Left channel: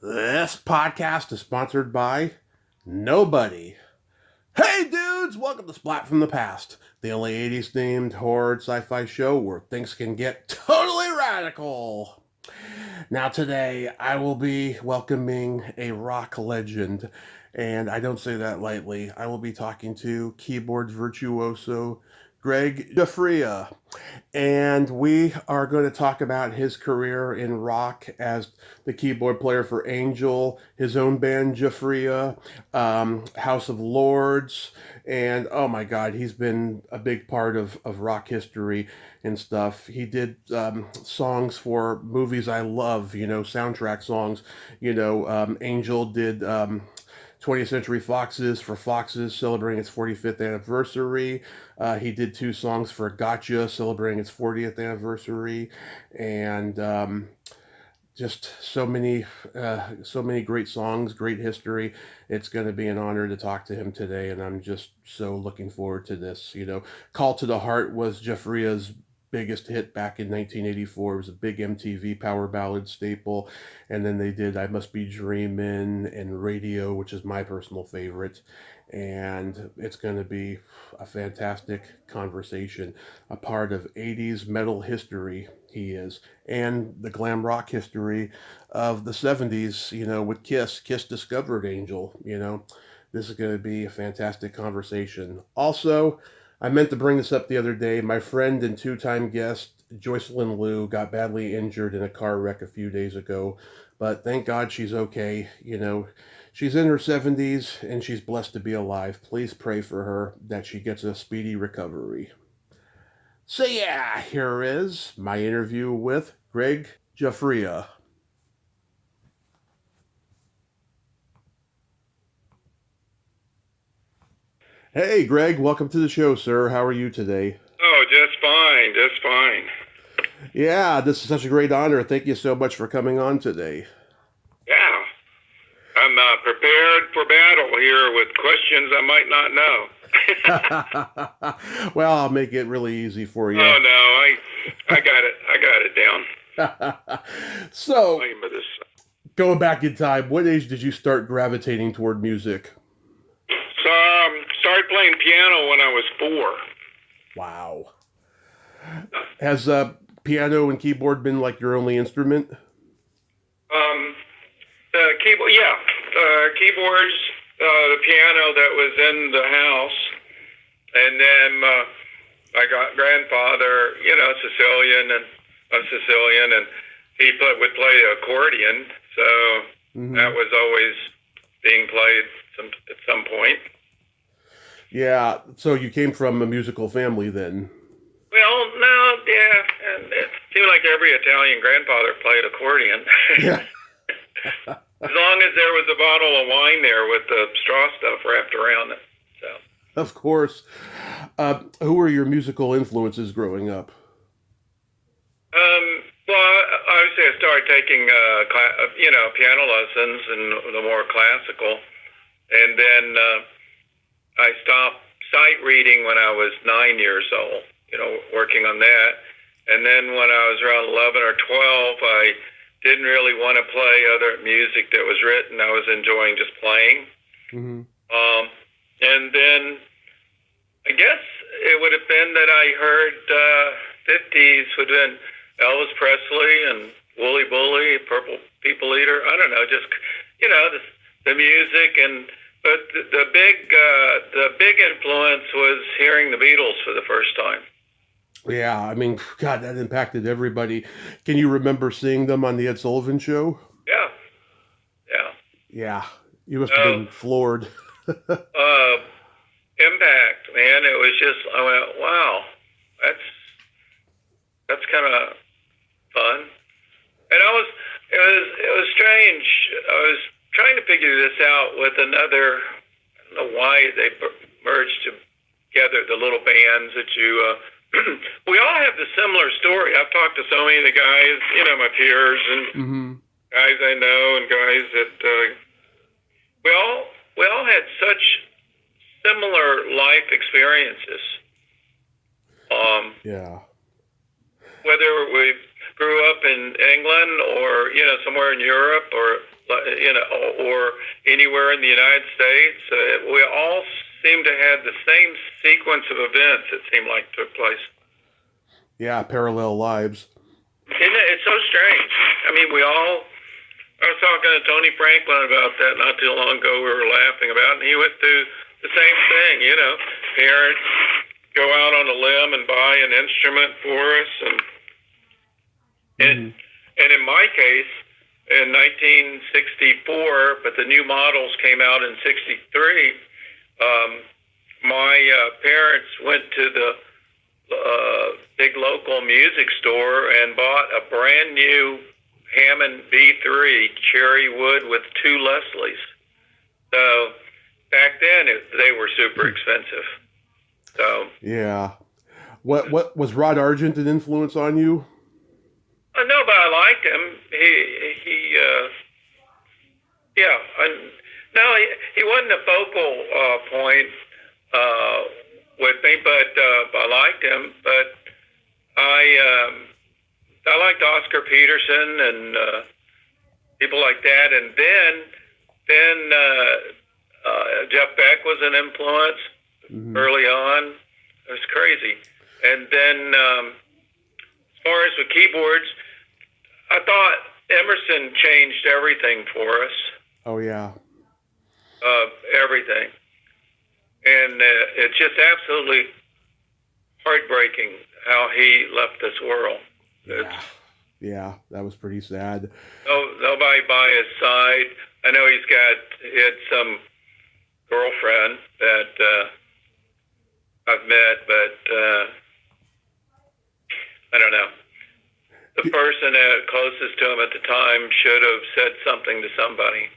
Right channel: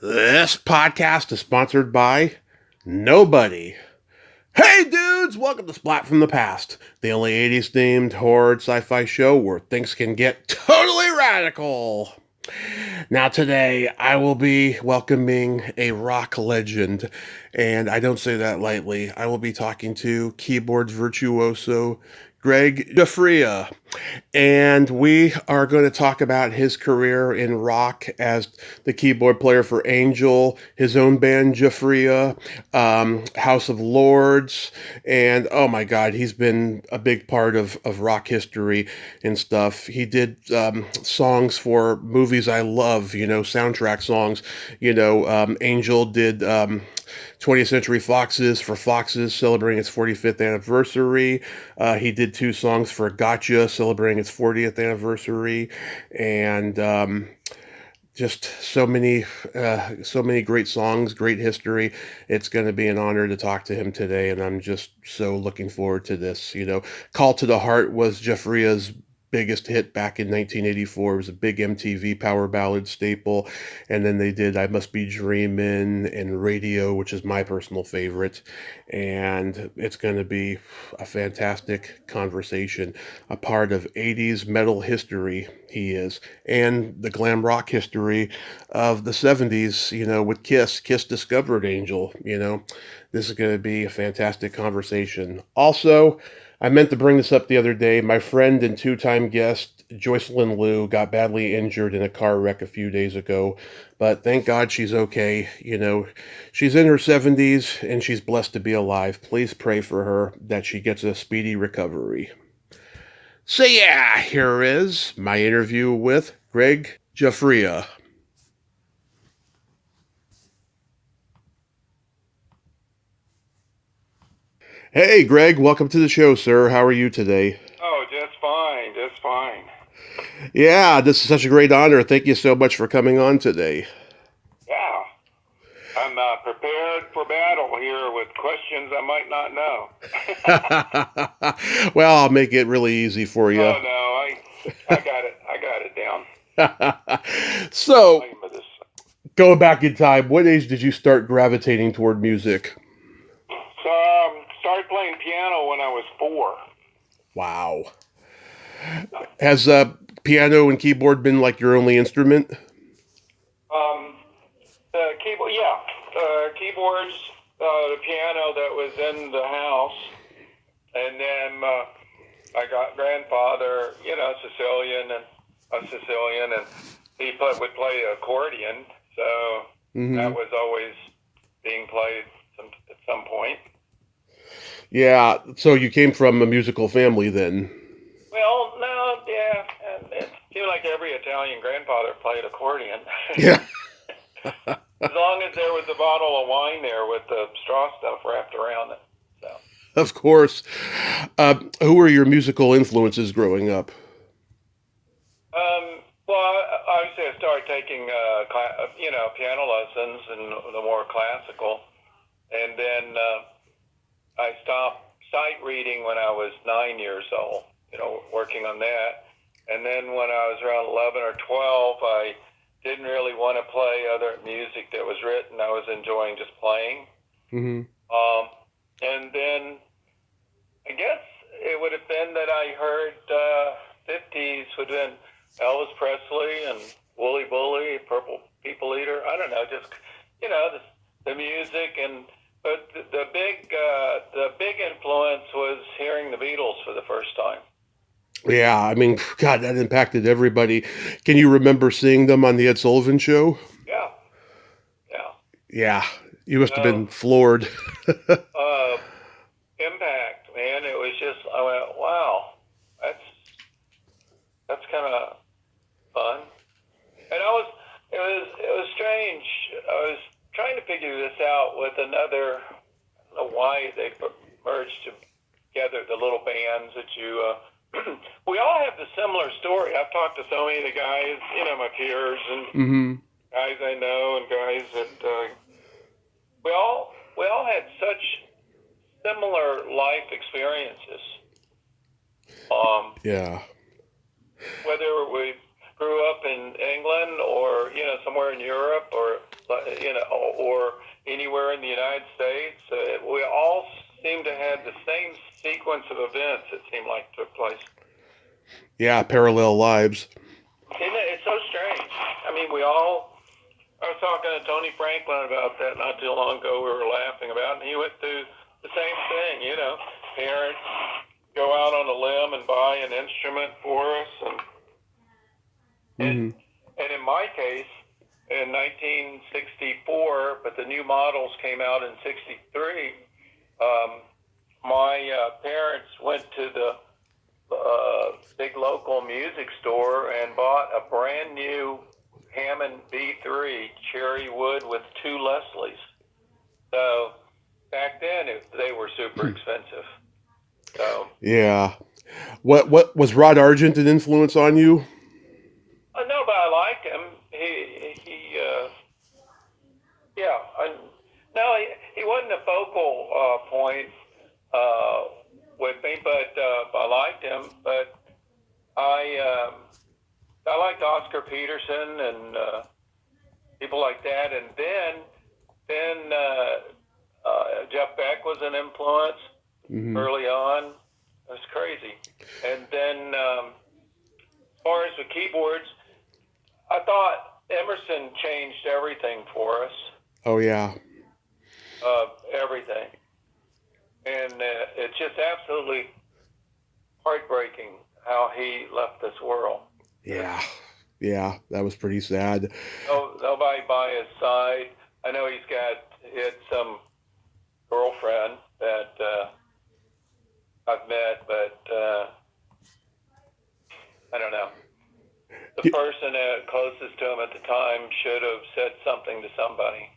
This podcast is sponsored by nobody. Hey dudes, welcome to Splat from the Past, the only 80s themed horror sci-fi show where things can get totally radical. Now today I will be welcoming a rock legend, and I don't say that lightly. I will be talking to keyboards virtuoso Gregg Giuffria, and we are going to talk about his career in rock as the keyboard player for Angel, his own band Giuffria, House of Lords, and oh my God, he's been a big part of rock history and stuff. He did songs for movies I love, soundtrack songs. Angel did 20th Century Foxes for Foxes celebrating its 45th anniversary. He did two songs for Gotcha celebrating its 40th anniversary, and just so many great songs, great history. It's going to be an honor to talk to him today, and I'm just so looking forward to this. Call to the Heart was Giuffria's biggest hit back in 1984. It was a big MTV power ballad staple, and then they did I Must Be Dreamin' and Radio, which is my personal favorite, and it's going to be a fantastic conversation, a part of 80s metal history he is, and the glam rock history of the 70s, with Kiss. Kiss discovered Angel, This is going to be a fantastic conversation. Also, I meant to bring this up the other day. My friend and two-time guest, Joycelyn Liu, got badly injured in a car wreck a few days ago, but thank God she's okay. She's in her 70s and she's blessed to be alive. Please pray for her that she gets a speedy recovery. So yeah, here is my interview with Gregg Giuffria. Hey, Greg, welcome to the show, sir. How are you today? Oh, just fine, just fine. Yeah, this is such a great honor. Thank you so much for coming on today. Yeah, I'm prepared for battle here with questions I might not Well, I'll make it really easy for know. you. Oh no, I got it down. So, Name of this. going back in time, what age did you start gravitating toward music? So, started playing piano when I was 4. Wow. Has piano and keyboard been like your only instrument? The keyboard, yeah, keyboards, the piano that was in the house, and then I got grandfather, Sicilian, and he would play the accordion, so Mm-hmm. that was always being played at some point. Yeah, so you came from a musical family then. Well, no, yeah, and it seemed like every Italian grandfather played accordion. Yeah, As long as there was a bottle of wine there with the straw stuff wrapped around it. So, of course. Who were your musical influences growing up? um, well, obviously I started taking, piano lessons and the more classical, and then I stopped sight reading when I was 9 years old. Working on that, and then when I was around 11 or 12, I didn't really want to play other music that was written. I was enjoying just playing. Mm-hmm. And then I guess it would have been that I heard 50s would have been Elvis Presley and Wooly Bully, Purple People Eater. I don't know, just the music, but the big influence was hearing the Beatles for the first time. Yeah, I mean, God, that impacted everybody. Can you remember seeing them on the Ed Sullivan Show? Yeah, yeah. Yeah, you must have So been floored. impact, man. It was just I went, wow, that's kind of fun. And it was strange. I was trying to figure this out with another. I don't know why they merged together the little bands that you. We all have the similar story. I've talked to so many of the guys, my peers and Mm-hmm. guys I know and guys that we all had such similar life experiences. Yeah. Whether we grew up in England or somewhere in Europe or or anywhere in the United States. We all seem to have the same sequence of events. It seemed like took place. Yeah, parallel lives. Isn't it? It's so strange. I mean, I was talking to Tony Franklin about that not too long ago. We were laughing about it, and he went through the same thing. Parents go out on a limb and buy an instrument for us, and in my case, in 1964, but the new models came out in '63. My parents went to the big local music store and bought a brand new Hammond B3 cherry wood with 2 Leslies. So back then they were super expensive. So yeah, what was Rod Argent an influence on you? No, but I liked him. He wasn't a focal point with me, but I liked him. But I liked Oscar Peterson and people like that. And then Jeff Beck was an influence early on. It was crazy. And then as far as with keyboards, I thought Emerson changed everything for us. Oh yeah. Everything. And it's just absolutely heartbreaking how he left this world. Yeah, that was pretty sad. Nobody by his side. I know he had some girlfriend that I've met, but I don't know. The person closest to him at the time should have said something to somebody.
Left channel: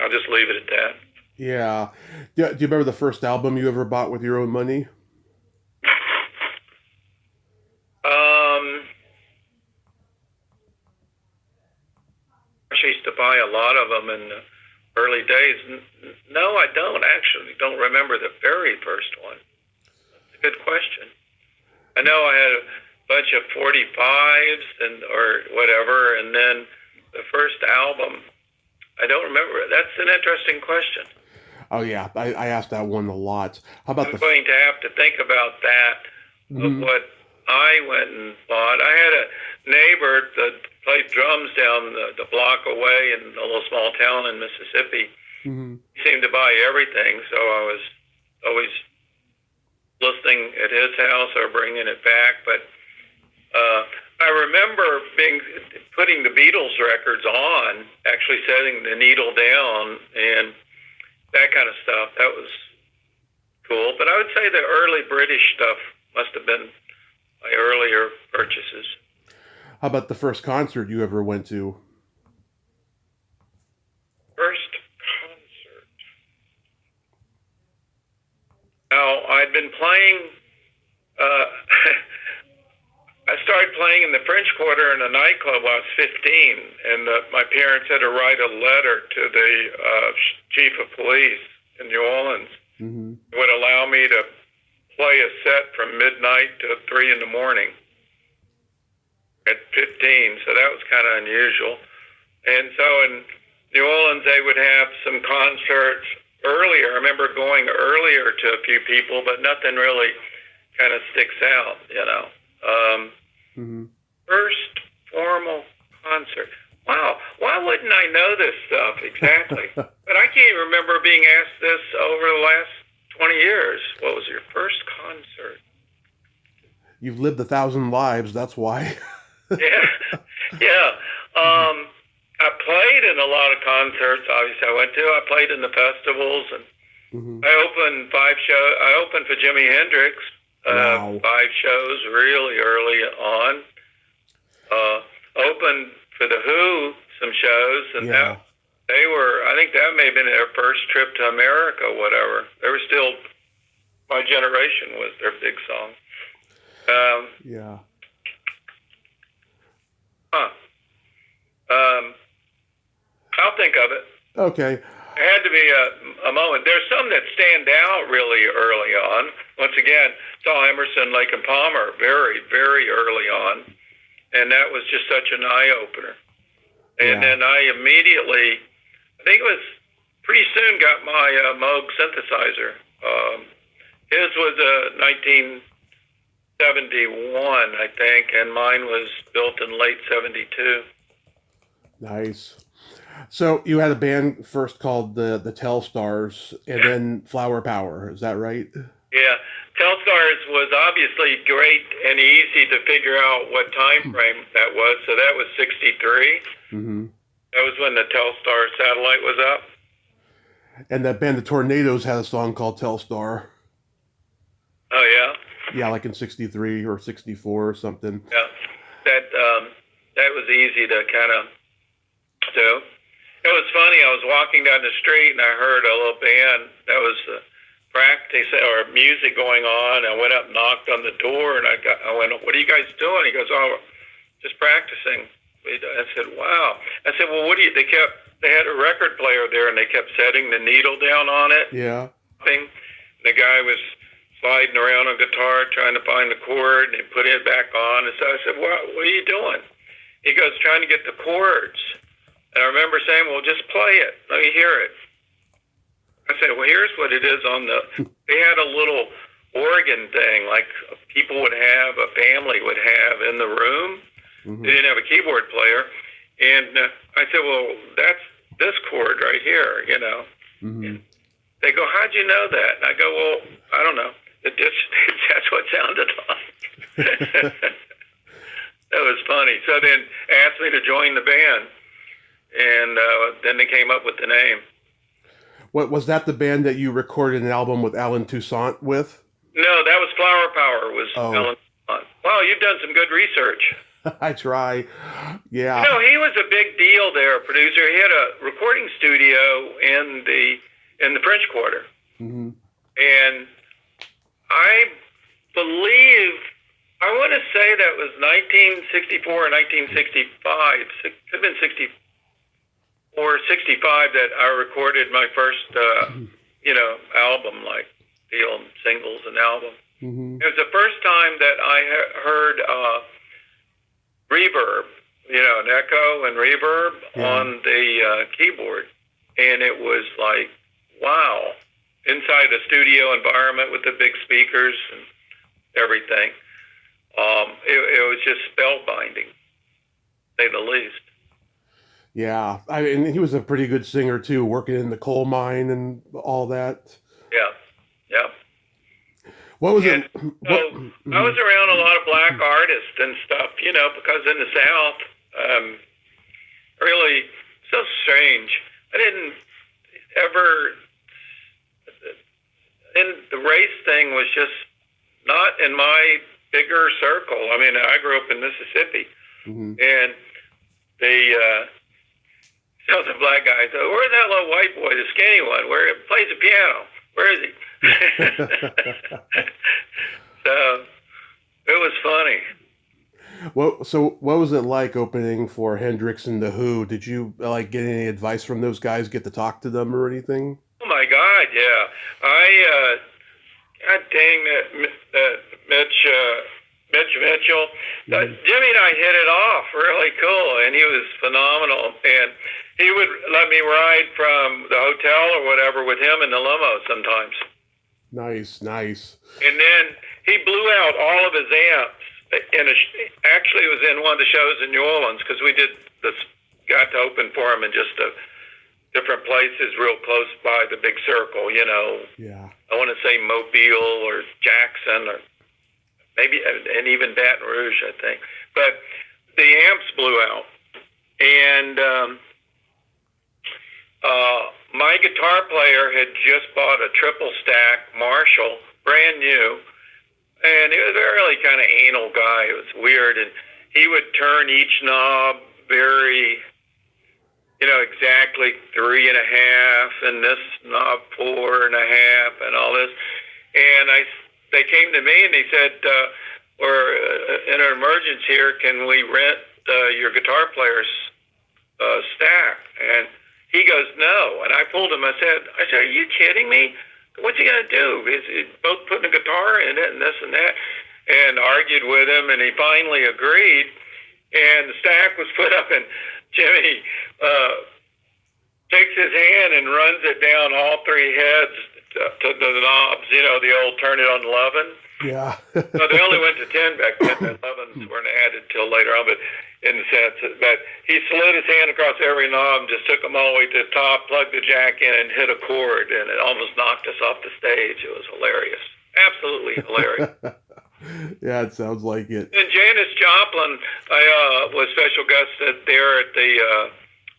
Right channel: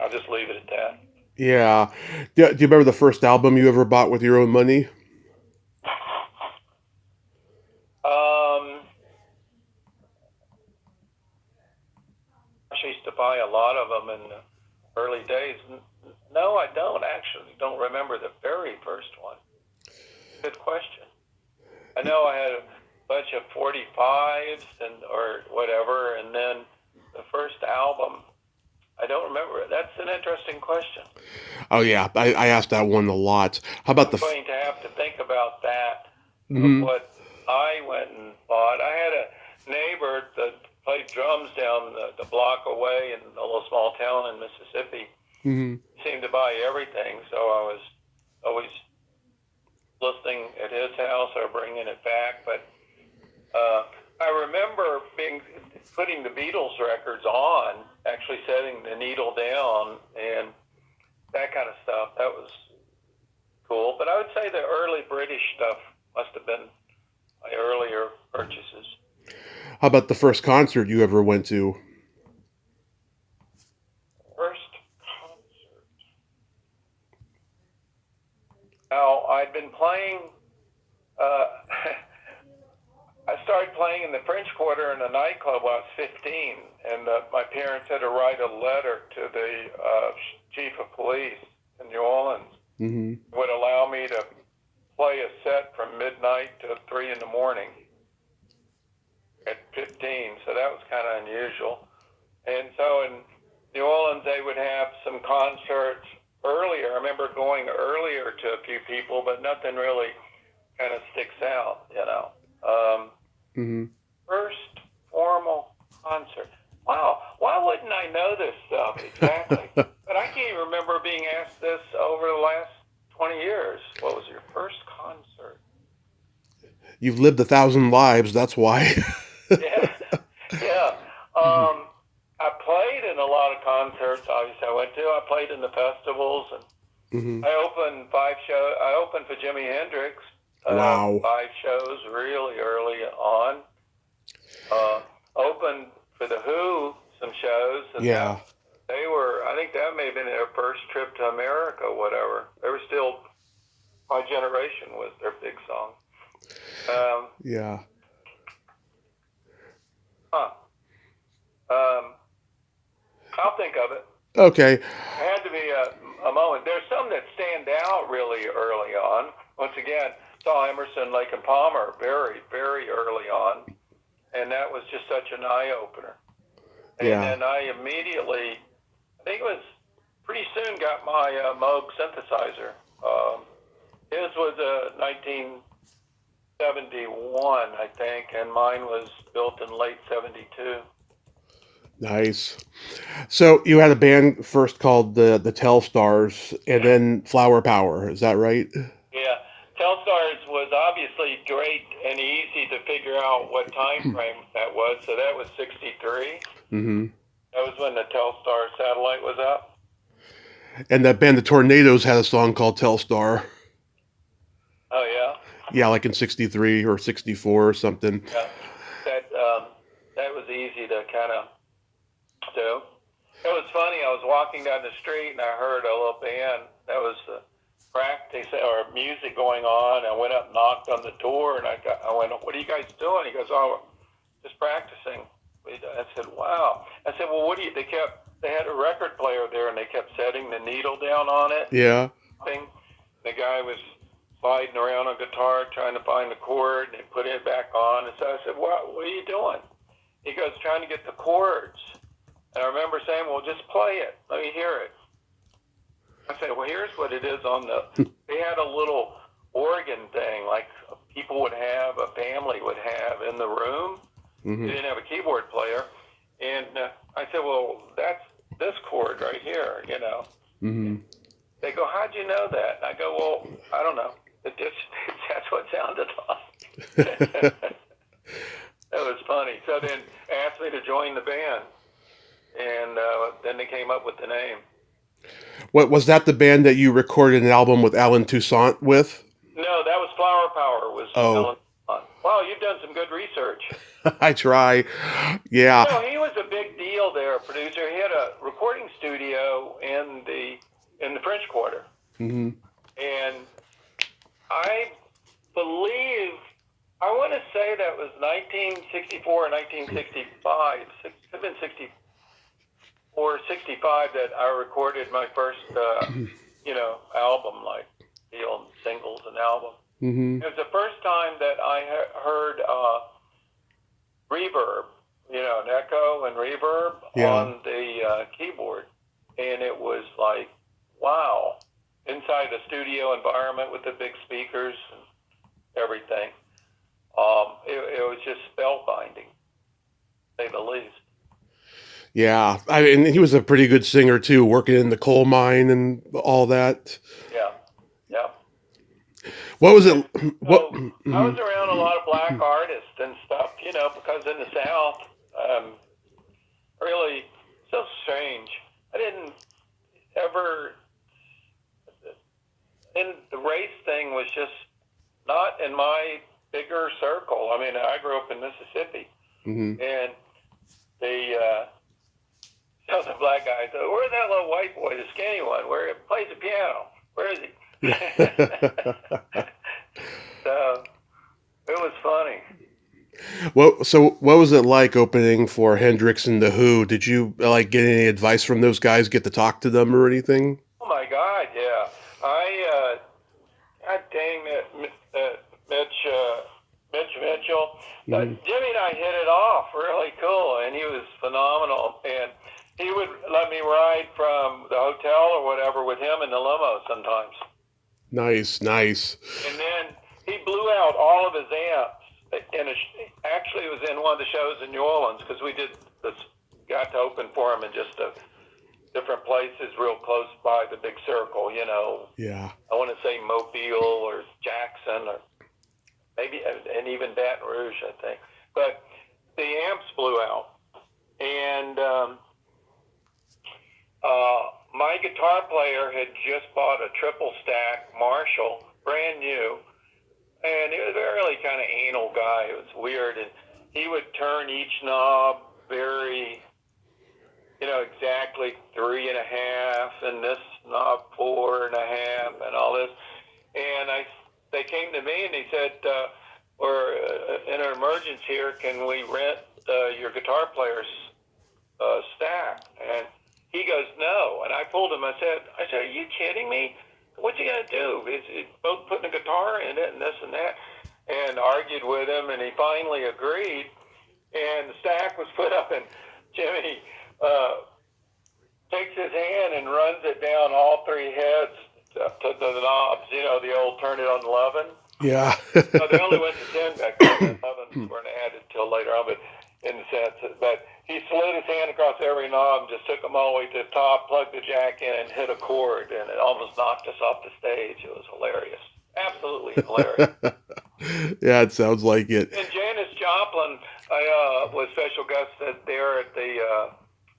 I'll just leave it at that. Yeah. Do you remember the first album you ever bought with your own money? I used to buy a lot of them in the early days. No, I don't remember the very first one. Good question. I know I had a bunch of 45s or whatever, and then the first album, I don't remember. That's an interesting question. Oh yeah, I asked that one a lot. How about I'm going to have to think about that. What I went and bought. I had a neighbor that played drums down the block away in a little small town in Mississippi. He seemed to buy everything, so I was always listening at his house or bringing it back. But I remember putting the Beatles records on, actually setting the needle down and that kind of stuff. That was cool. But I would say the early British stuff must have been my earlier purchases. How about the first concert you ever went to? First concert. Now, I'd been playing, I started playing in the French Quarter in a nightclub when I was 15, and my parents had to write a letter to the chief of police in New Orleans. It would allow me to play a set from midnight to 3 in the morning at 15, so that was kind of unusual. And so in New Orleans, they would have some concerts earlier. I remember going earlier to a few people, but nothing really kind of sticks out, First formal concert. Wow, why wouldn't I know this stuff exactly? But I can't even remember being asked this over the last 20 years. What was your first concert? You've lived 1,000 lives, that's why. Yeah. I played in a lot of concerts, obviously, I played in the festivals, and I opened 5 shows. I opened for Jimi Hendrix. Wow. 5 shows really early on. Opened for the Who some shows, and I think that may have been their first trip to America, whatever. They were still, My Generation was their big song. I'll think of it. Okay. It had to be a moment. There's some that stand out really early on. Once again, saw Emerson, Lake and Palmer very, very early on, and that was just such an eye-opener. And Yeah. then I immediately, I think it was pretty soon, got my Moog synthesizer. His was a 1971, I think, and mine was built in late 72. Nice. So you had a band first called the Telstars, and then Flower Power. Is that right? Yeah, Telstars was obviously great and easy to figure out what time frame that was. So that was 63. Mm-hmm. That was when the Telstar satellite was up. And that band, the Tornadoes, had a song called Telstar. Oh, yeah? Yeah, like in '63 or '64 or something. Yeah. That was easy to kind of do. It was funny. I was walking down the street and I heard a little band that was practice or music going on. I went up and knocked on the door and I went, "What are you guys doing?" He goes, "Oh, just practicing." I said, "Wow." I said, "Well, what do you?" They had a record player there and they kept setting the needle down on it. Yeah. The guy was sliding around on guitar trying to find the chord and he put it back on. And so I said, "What are you doing?" He goes, "Trying to get the chords." And I remember saying, "Well, just play it. Let me hear it." I said, "Well, here's what it is on the." They had a little organ thing like people would have, a family would have in the room. Mm-hmm. They didn't have a keyboard player. And I said, "Well, that's this chord right here, you know." Mm-hmm. They go, "How'd you know that?" And I go, "Well, I don't know. That's what it sounded like." That was funny. So then asked me to join the band. And then they came up with the name. What was that? The band that you recorded an album with Alan Toussaint with? No, that was Flower Power. Was Alan. Wow, you've done some good research. I try. Yeah. No, he was a big deal there, producer. He had a recording studio in the French Quarter. Mm-hmm. And I believe, I want to say that was 1964 or 1965. Could have been 64 or 65 that I recorded my first, album, like deal singles and album. Mm-hmm. It was the first time that I heard reverb, an echo and reverb on the keyboard. And it was like, wow, inside a studio environment with the big speakers and everything. It was just spellbinding, to say the least. Yeah, and he was a pretty good singer too, working in the coal mine and all that. Yeah. What was it? I was around a lot of black artists and stuff, because in the South, really so strange. I didn't ever, and the race thing was just not in my bigger circle. I mean, I grew up in Mississippi, and so the black guy said, "Where's that little white boy, the skinny one, where he plays the piano? Where is he?" So it was funny. What was it like opening for Hendrix and the Who? Did you get any advice from those guys? Get to talk to them or anything? Oh my God, yeah. God dang that Mitch Mitchell. Jimmy and I hit it off really cool, and he was phenomenal. And he would let me ride from the hotel or whatever with him in the limo sometimes. Nice. And then he blew out all of his amps. Actually, it was in one of the shows in New Orleans because we got to open for him in just different places real close by the big circle, Yeah. I want to say Mobile or Jackson or maybe, and even Baton Rouge, I think. But the amps blew out. And my guitar player had just bought a triple stack Marshall, brand new. And he was a really kind of anal guy. It was weird. And he would turn each knob very, exactly 3.5, and this knob 4.5, and all this. And they came to me and he said, "We're in an emergency here. Can we rent your guitar player's stack?" And he goes, "No." And I pulled him. I said, "Are you kidding me? What's he gonna do? He's both putting a guitar in it and this and that," and argued with him. And he finally agreed. And the stack was put up, and Jimmy takes his hand and runs it down all three heads to the knobs. You know, the old turn it on 11. Yeah. So they only went to 10 back then. The 11s weren't added till later on, but in the sense that he slid his hand across every knob and just took them all the way to the top, plugged the jack in, and hit a chord, and it almost knocked us off the stage. It was hilarious. Absolutely hilarious. Yeah, it sounds like it. And Janis Joplin, I was special guest there at the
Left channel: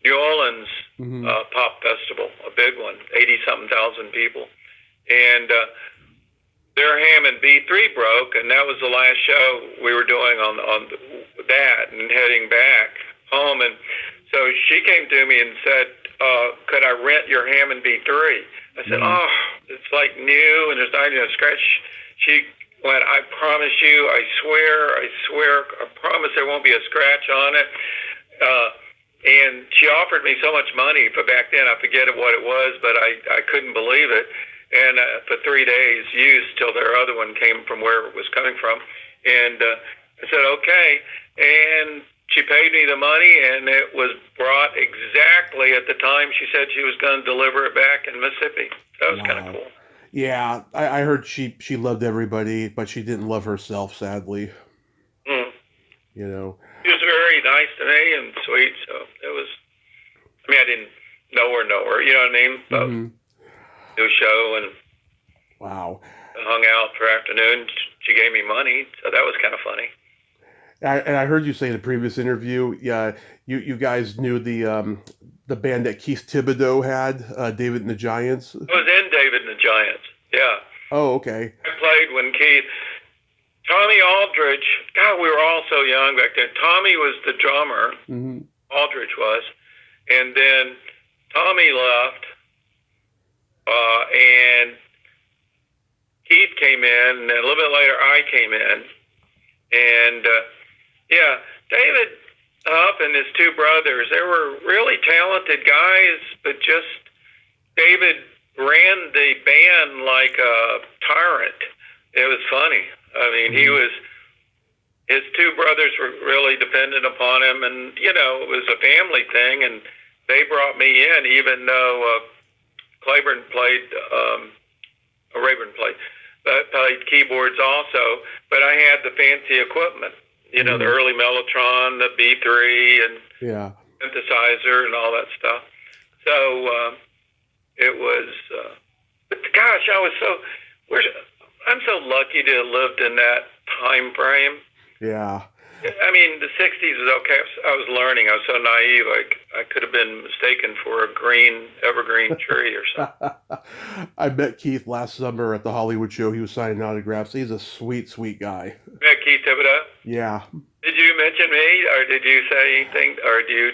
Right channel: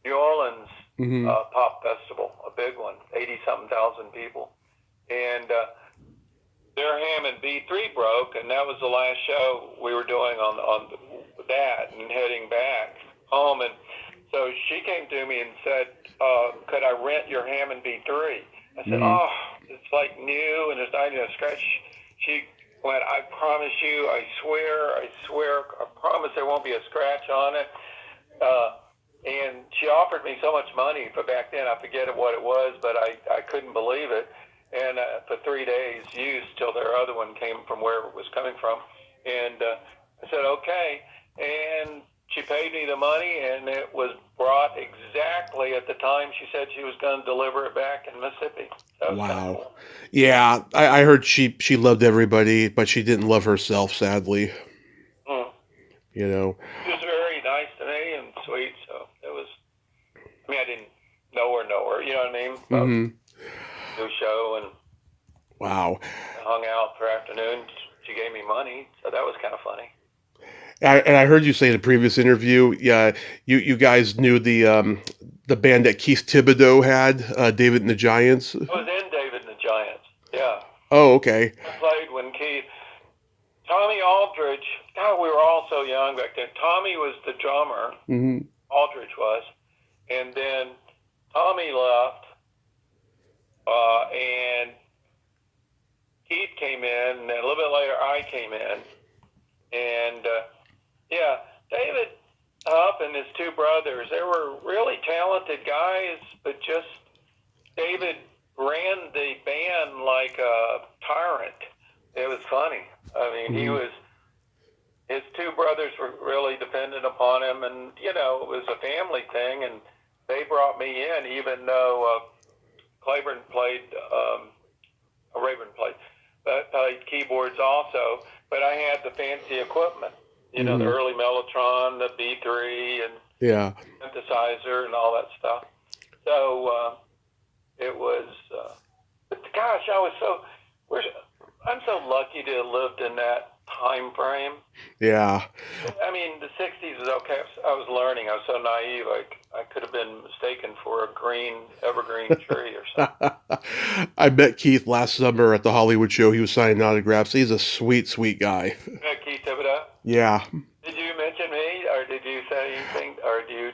New Orleans Pop Festival, a big one, 80-something thousand people. And their Hammond B3 broke, and that was the last show we were doing on that and heading back home. And so she came to me and said, could I rent your Hammond B3? I said, oh, it's like new, and there's not even a scratch. She went, I promise you, I swear, I promise there won't be a scratch on it. And she offered me so much money for back then, I forget what it was, but I couldn't believe it. And for 3 days used till their other one came from where it was coming from. And I said, okay. And she paid me the money, and it was brought exactly at the time she said she was going to deliver it back in Mississippi. That was kind of cool. Yeah, I heard she loved everybody, but she didn't love herself, sadly. You know. She was very nice to me and sweet, so it was, I mean, I didn't know her, you know what I mean? New show, and wow, hung out for afternoon. She gave me money, so that was kind of funny. And I heard you say in a previous interview, yeah, you guys knew the band that Keith Thibodeau had, David and the Giants. I was in David and the Giants, yeah. Oh, okay. I played when Tommy Aldridge, God, we were all so young back then. Tommy was the drummer, Aldridge was, and then Tommy left, and Keith came in, and then a little bit later I came in, and yeah, David Huff and his two brothers, they were really talented guys, but just David ran the band like a tyrant. It was funny. I mean, his two brothers were really dependent upon him, and, you know, it was a family thing, and they brought me in, even though Rayburn played keyboards also, but I had the fancy equipment, you know, the early Mellotron, the B3, and synthesizer and all that stuff. So it was, but gosh, I'm so lucky to have lived in that time frame. Yeah. I mean, the 60s was okay. I was learning. I was so naive. I could have been mistaken for a evergreen tree or something. I met Keith last summer at the Hollywood show. He was signing autographs. He's a sweet, sweet guy. Met Keith Thibodeau? Yeah. Did you mention me, or did you say anything, or do you?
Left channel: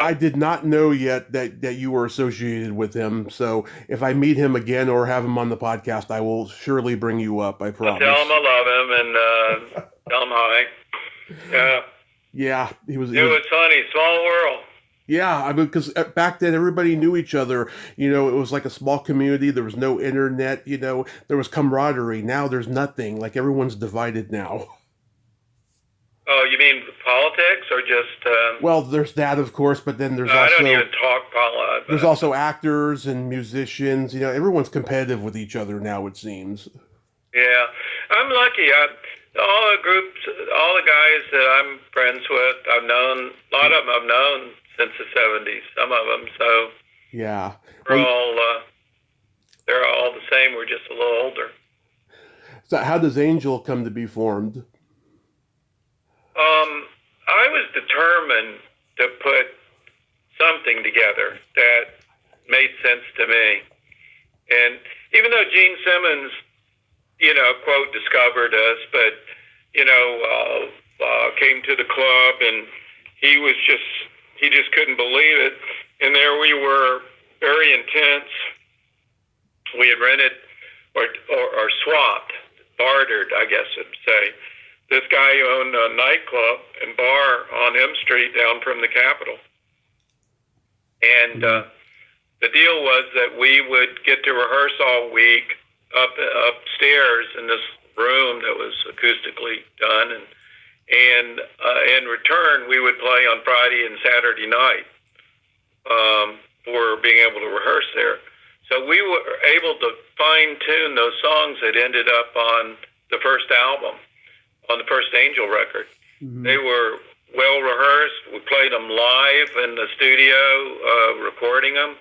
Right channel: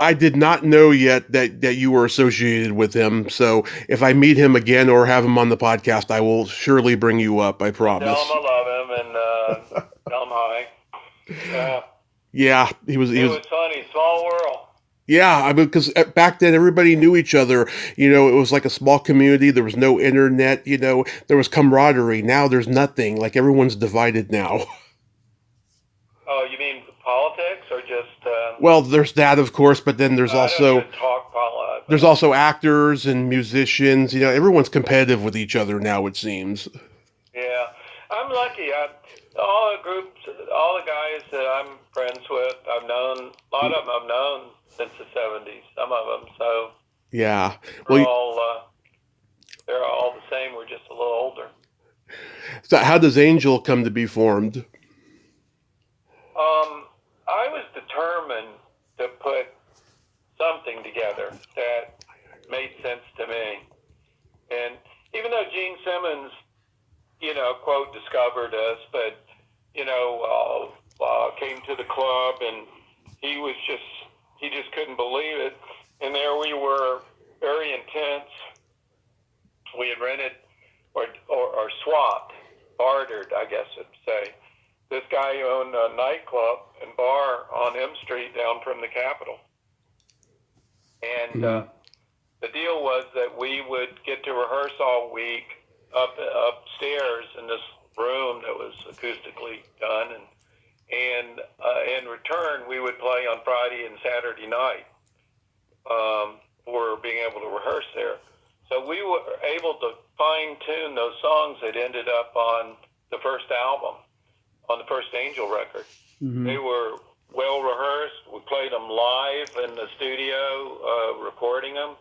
I did not know yet that you were associated with him. So if I meet him again or have him on the podcast, I will surely bring you up. I promise. Tell him I love him and tell him hi. Yeah. Yeah, it was funny. Small world. Yeah, I mean, because back then everybody knew each other. You know, it was like a small community. There was no internet. You know, there was camaraderie. Now there's nothing. Like everyone's divided now. Oh, you mean politics or just? Well, there's that, of course, but then there's also I don't even talk politics. There's also actors and musicians. You know, everyone's competitive with each other now. It seems. Yeah, I'm lucky. All the groups, all the guys that I'm friends with, a lot of them I've known since the 70s. Some of them, so yeah, they're all the same. We're just a little older. So, how does Angel come to be formed? I was determined to put something together that made sense to me. And even though Gene Simmons, you know, quote, discovered us, but, you know, came to the club and he just couldn't believe it. And there we were, very intense. We had rented or swapped, bartered, I guess I'd say. This guy owned a nightclub and bar on M Street down from the Capitol. And the deal was that we would get to rehearse all week upstairs in this room that was acoustically done. and in return, we would play on Friday and Saturday night for being able to rehearse there. So we were able to fine-tune those songs that ended up on the first album, on the first Angel record. Mm-hmm. They were well rehearsed. We played them live in the studio, recording them.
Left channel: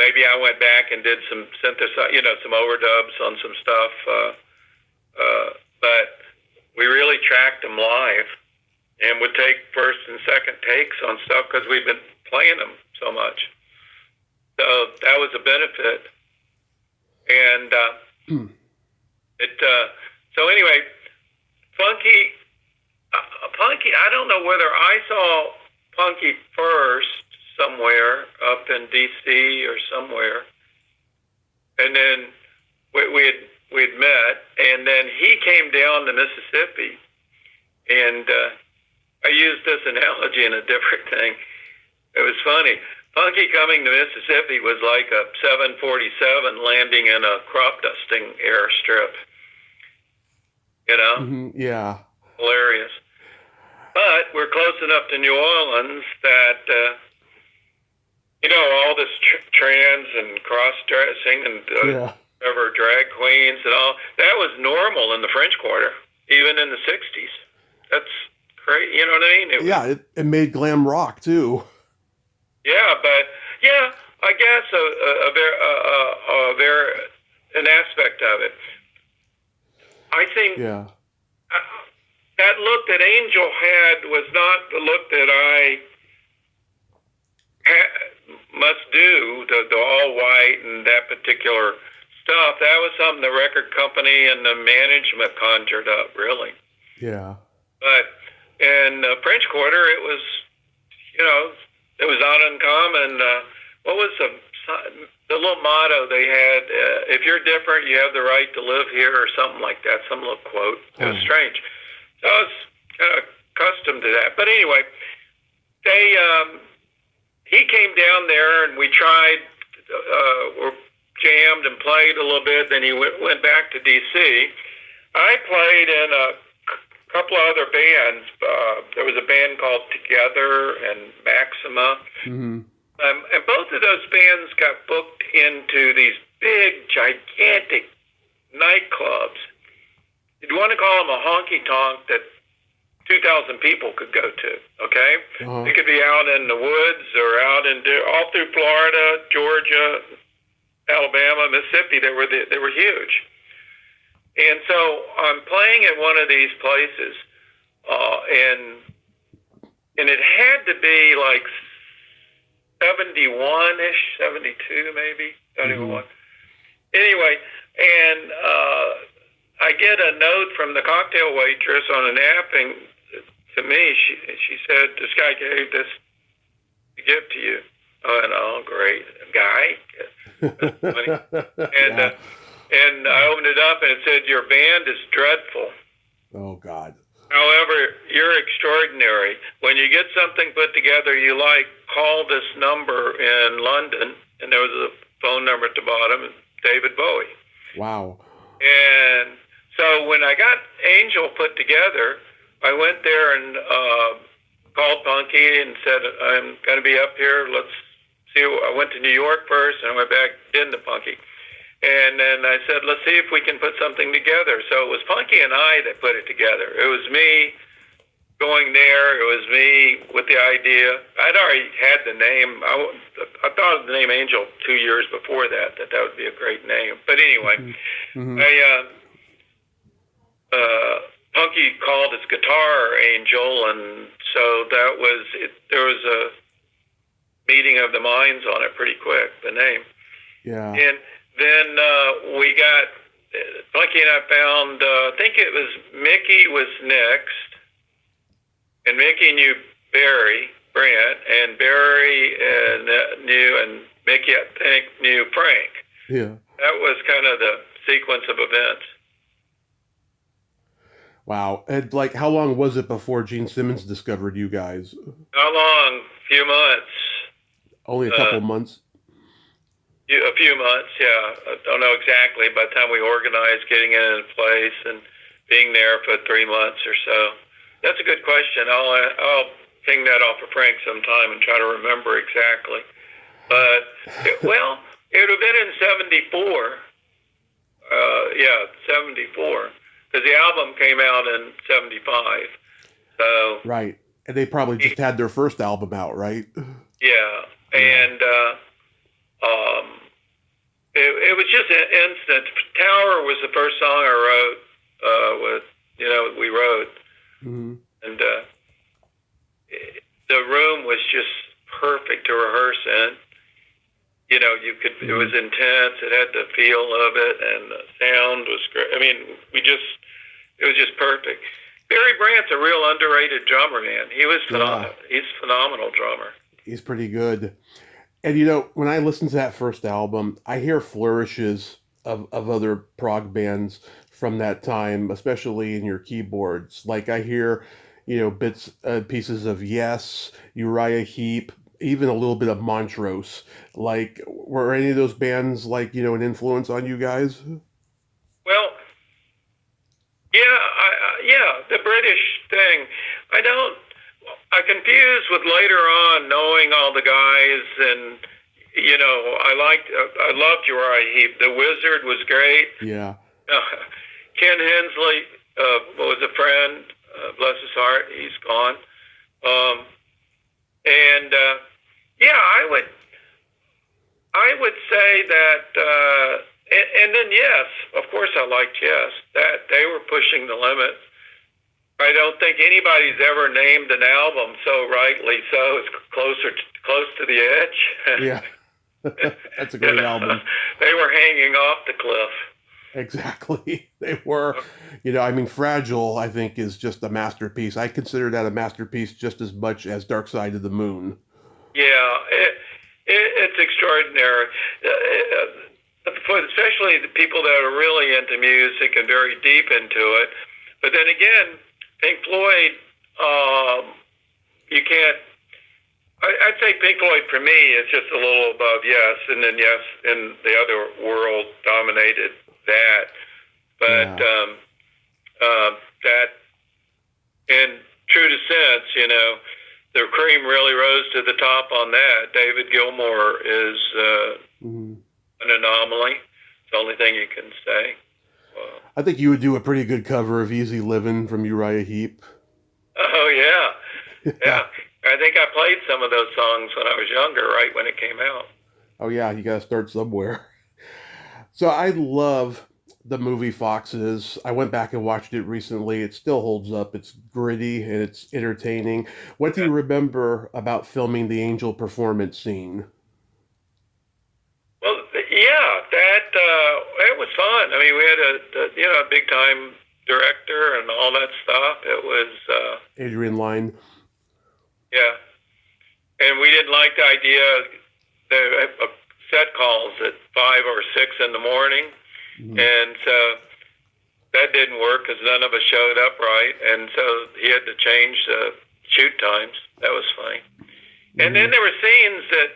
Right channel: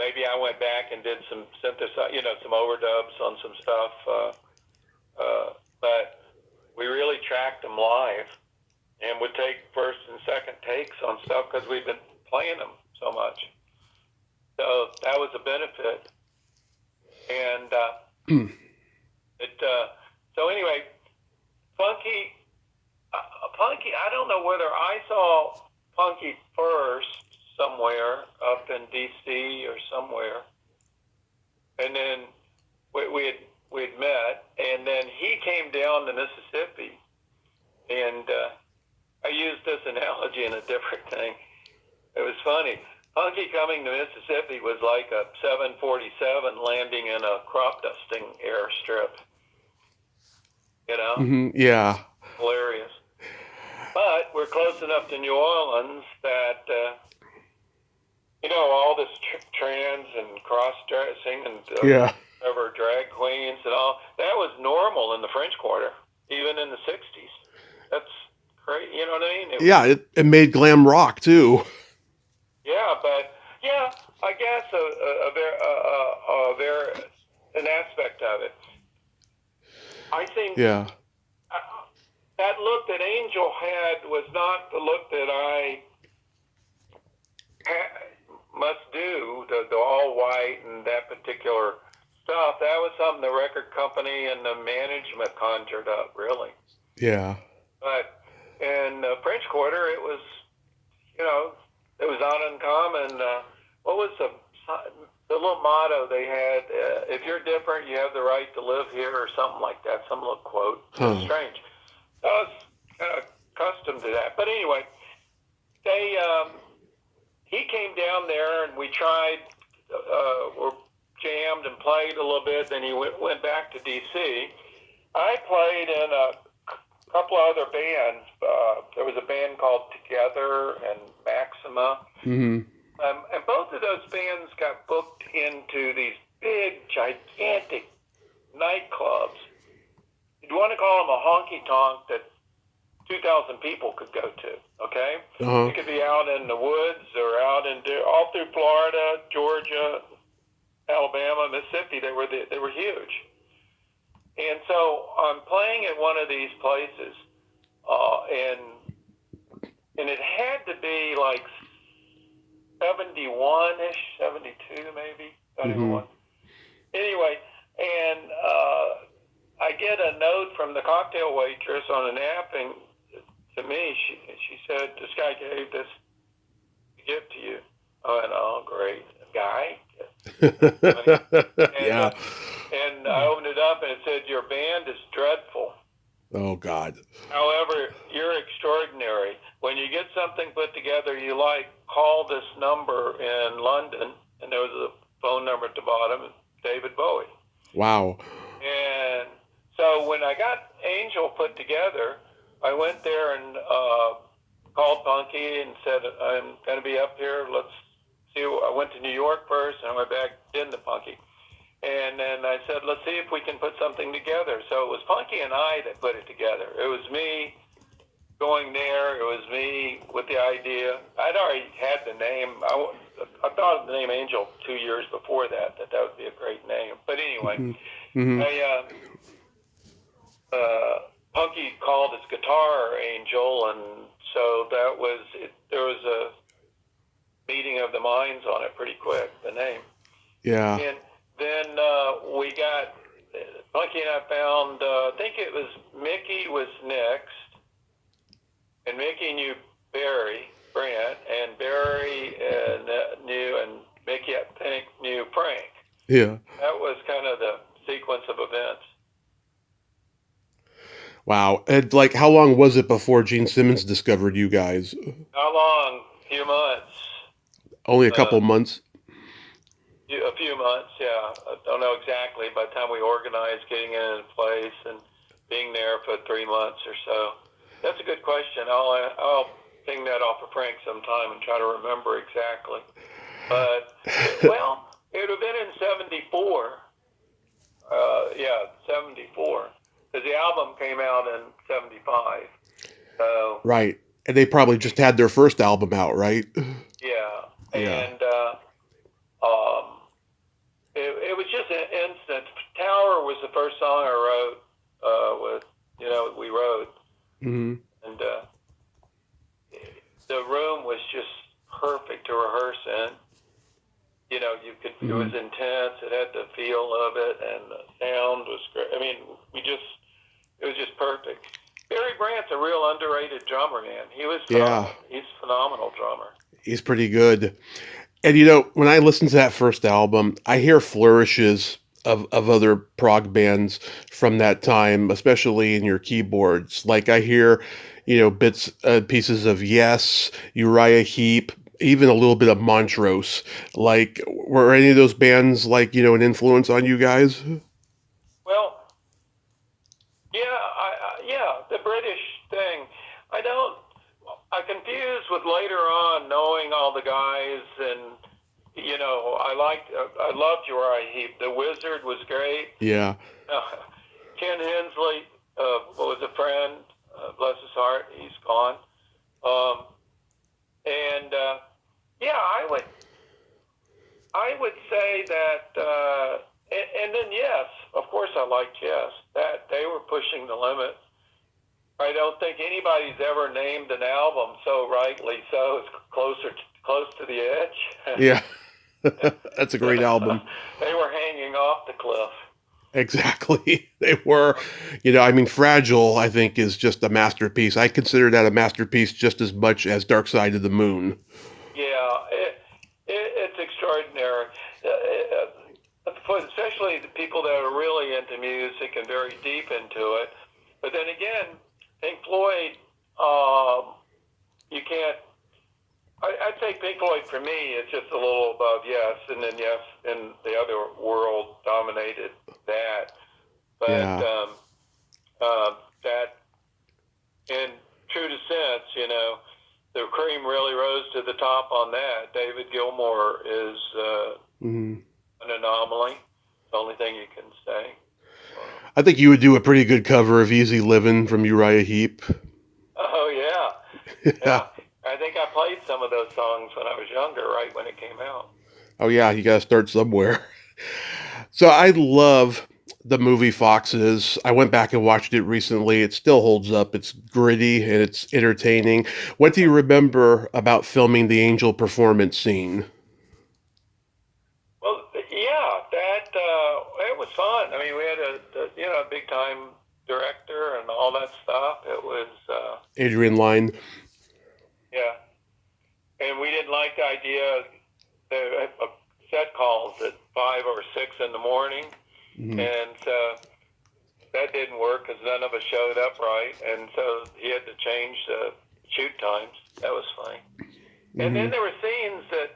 Maybe I went back and did some some overdubs on some stuff. But we really tracked them live and would take first and second takes on stuff because we've been playing them so much. So that was a benefit. And so anyway, Punky, I don't know whether I saw Punky first somewhere up in D.C. or somewhere, and then we'd met, and then he came down to Mississippi, and I used this analogy in a different thing. It was funny. Punky coming to Mississippi was like a 747 landing in a crop dusting airstrip. You know? Mm-hmm. Yeah. Hilarious. But we're close enough to New Orleans that, all this trans and cross-dressing and whatever, drag queens and all, that was normal in the French Quarter, even in the 60s. That's great, you know what I mean? It made glam rock, too. Yeah, but, I guess an aspect of it. I think that look that Angel had was not the look that I must do, the all white and that particular stuff. That was something the record company and the management conjured up, really. Yeah. But in the French Quarter, it was, it was not uncommon. What was the little motto they had? If you're different, you have the right to live here, or something like that. Some little quote. It was strange. So I was kind of accustomed to that. But anyway, he came down there, and we tried, jammed and played a little bit. Then he went back to D.C. I played in a couple of other bands. There was a band called Together and Maxima. Mm-hmm. And both of those bands got booked into these big, gigantic nightclubs. You'd want to call them a honky-tonk that 2,000 people could go to, okay? Uh-huh. It could be out in the woods or out all through Florida, Georgia, Alabama, Mississippi. They were huge. And so I'm playing at one of these places, and it had to be like 71-ish, 72 maybe, 71. Anyway, and I get a note from the cocktail waitress on a napkin to me. She said, this guy gave this gift to you. I went, oh, great. Guy? And I opened it up and it said, your band is dreadful. Oh, God. However, you're extraordinary. When you get something put together you like, call this number in London. And there was a phone number at the bottom, David Bowie. Wow. And so when I got Angel put together, I went there and called Punky and said, I'm going to be up here. Let's see. I went to New York first and I went back into Punky. And then I said, let's see if we can put something together. So it was Punky and I that put it together. It was me going there. It was me with the idea. I'd already had the name. I thought of the name Angel 2 years before that would be a great name. But anyway, Punky called his guitar Angel, and so that was it. There was a meeting of the minds on it pretty quick, the name. Yeah. And then Punky and I found, I think it was Mickey was next, and Mickey knew Barry Brandt, and Barry knew, and Mickey, I think, knew Frank. Yeah. That was kind of the sequence of events. Wow. And how long was it before Gene Simmons discovered you guys? How long? A few months. Only a couple months? A few months, yeah. I don't know exactly. By the time we organized getting it in place and being there for 3 months or so. That's a good question. I'll ping that off of Frank sometime and try to remember exactly. But it would have been in '74. 74. Because the album came out in '75. So Right. And they probably just had their first album out, right? yeah, and it was just an instant. Tower was the first song I wrote. We wrote, Mm-hmm. and the room was just perfect to rehearse in. You could. Mm-hmm. It was intense. It had the feel of it, and the sound was great. I mean, it was just perfect. Barry Brandt's a real underrated drummer, man. He's a phenomenal drummer. He's pretty good. And when I listen to that first album, I hear flourishes of other prog bands from that time, especially in your keyboards. Like I hear, bits, pieces of Yes, Uriah Heep, even a little bit of Montrose. Like, were any of those bands an influence on you guys? Well, the British thing. I confuse with later on knowing all the guys, and I loved Uriah Heep. The Wizard was great. Yeah. Ken Hensley was a friend. Bless his heart, he's gone. I would say that. And then Yes, of course I liked Yes. That they were pushing the limits. I don't think anybody's ever named an album so rightly so. It's close to the edge. Yeah, that's a great album. They were hanging off the cliff. Exactly, they were. Fragile, I think, is just a masterpiece. I consider that a masterpiece just as much as Dark Side of the Moon. Yeah, it's extraordinary. Especially the people that are really into music and very deep into it. But then again, Pink Floyd, you can't. I'd say Pink Floyd for me is just a little above Yes, and then Yes in the other world dominated that. But that, in true to sense, the cream really rose to the top on that. David Gilmour is an anomaly. It's the only thing you can say. I think you would do a pretty good cover of Easy Livin' from Uriah Heep. Oh, yeah. Yeah. I think I played some of those songs when I was younger, right when it came out. Oh, yeah. You got to start somewhere. So I love the movie Foxes. I went back and watched it recently. It still holds up. It's gritty and it's entertaining. What do you remember about filming the Angel performance scene? It was fun. I mean, we had a big time director and all that stuff. It was Adrian Lyne. Yeah, and we didn't like the idea. The set calls at 5 or 6 in the morning, and so that didn't work because none of us showed up right, and so he had to change the shoot times. That was funny. And then there were scenes that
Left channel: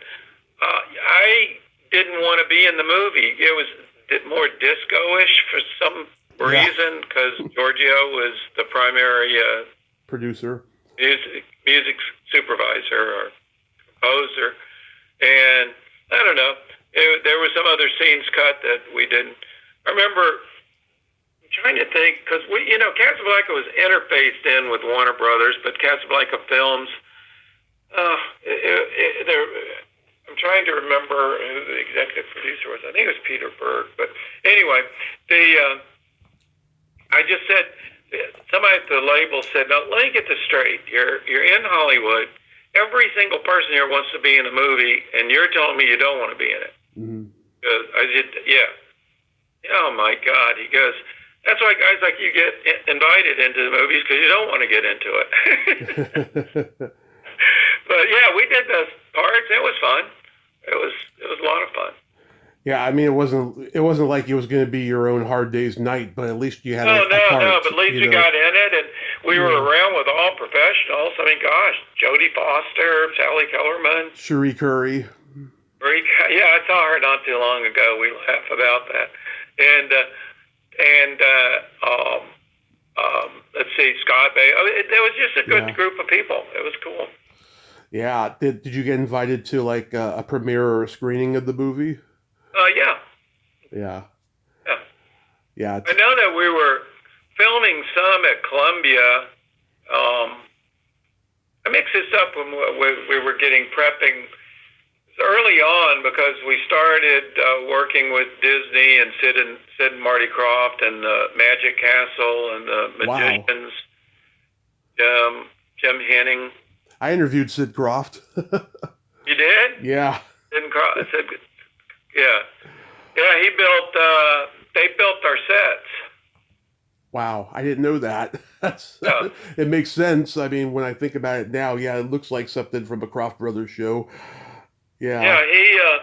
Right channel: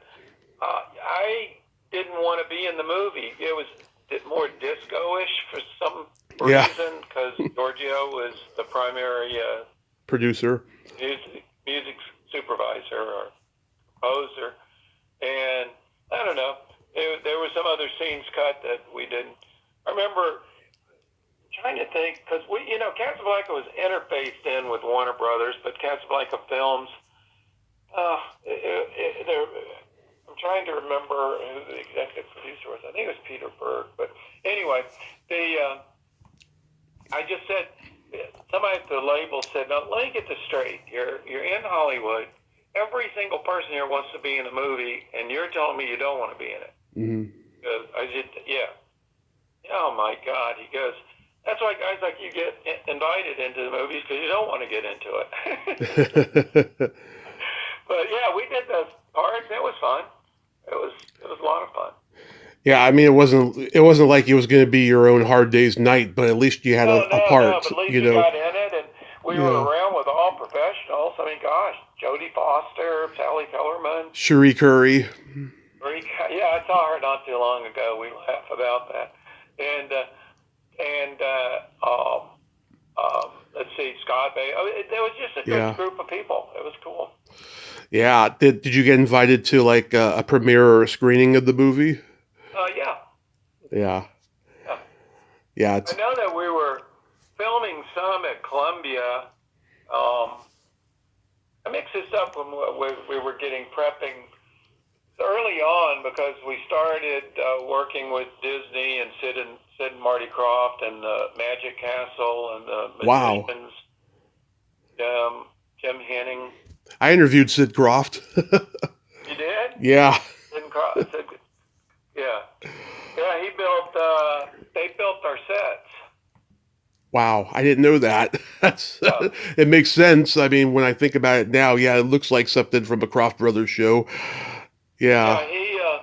I didn't want to be in the movie. It was more disco-ish for some reason because Giorgio was the primary producer, music supervisor or composer, and I don't know. There were some other scenes cut that we didn't. I remember trying to think because Casablanca was interfaced in with Warner Brothers, but Casablanca Films. I'm trying to remember who the executive producer was. I think it was Peter Berg. But anyway, I just said, somebody at the label said, "Now let me get this straight. You're in Hollywood. Every single person here wants to be in a movie, and you're telling me you don't want to be in it." I did, yeah. Oh my God, he goes. That's why guys like you get invited into the movies because you don't want to get into it. But yeah, we did those parts. It was fun. It was a lot of fun. Yeah, I mean, it wasn't like it was going to be your own Hard Day's Night, but at least you had a part. No, but at least we got in it, and we were around with all professionals. I mean, gosh, Jodie Foster, Sally Kellerman, Cherie Curry. Yeah, I saw her not too long ago. We laugh about that, and Scott Bay. There was just a good Yeah. group of people. It was cool. Yeah. Did you get invited to like a premiere or a screening of the movie? Yeah, Yeah. yeah. Yeah. I know that we were filming some at Columbia. I mixed this up when we were getting prepping early on because we started working with Disney and Sid and Marty Krofft and the Magic Castle and the Wow. Magicians, Jim Henning. I interviewed Sid Croft. You did? Yeah. Yeah. Yeah, they built our sets. Wow. I didn't know that. That's Yeah. it makes sense. I mean, when I think about it now, yeah, it looks like something from a Croft Brothers show. Yeah. Yeah,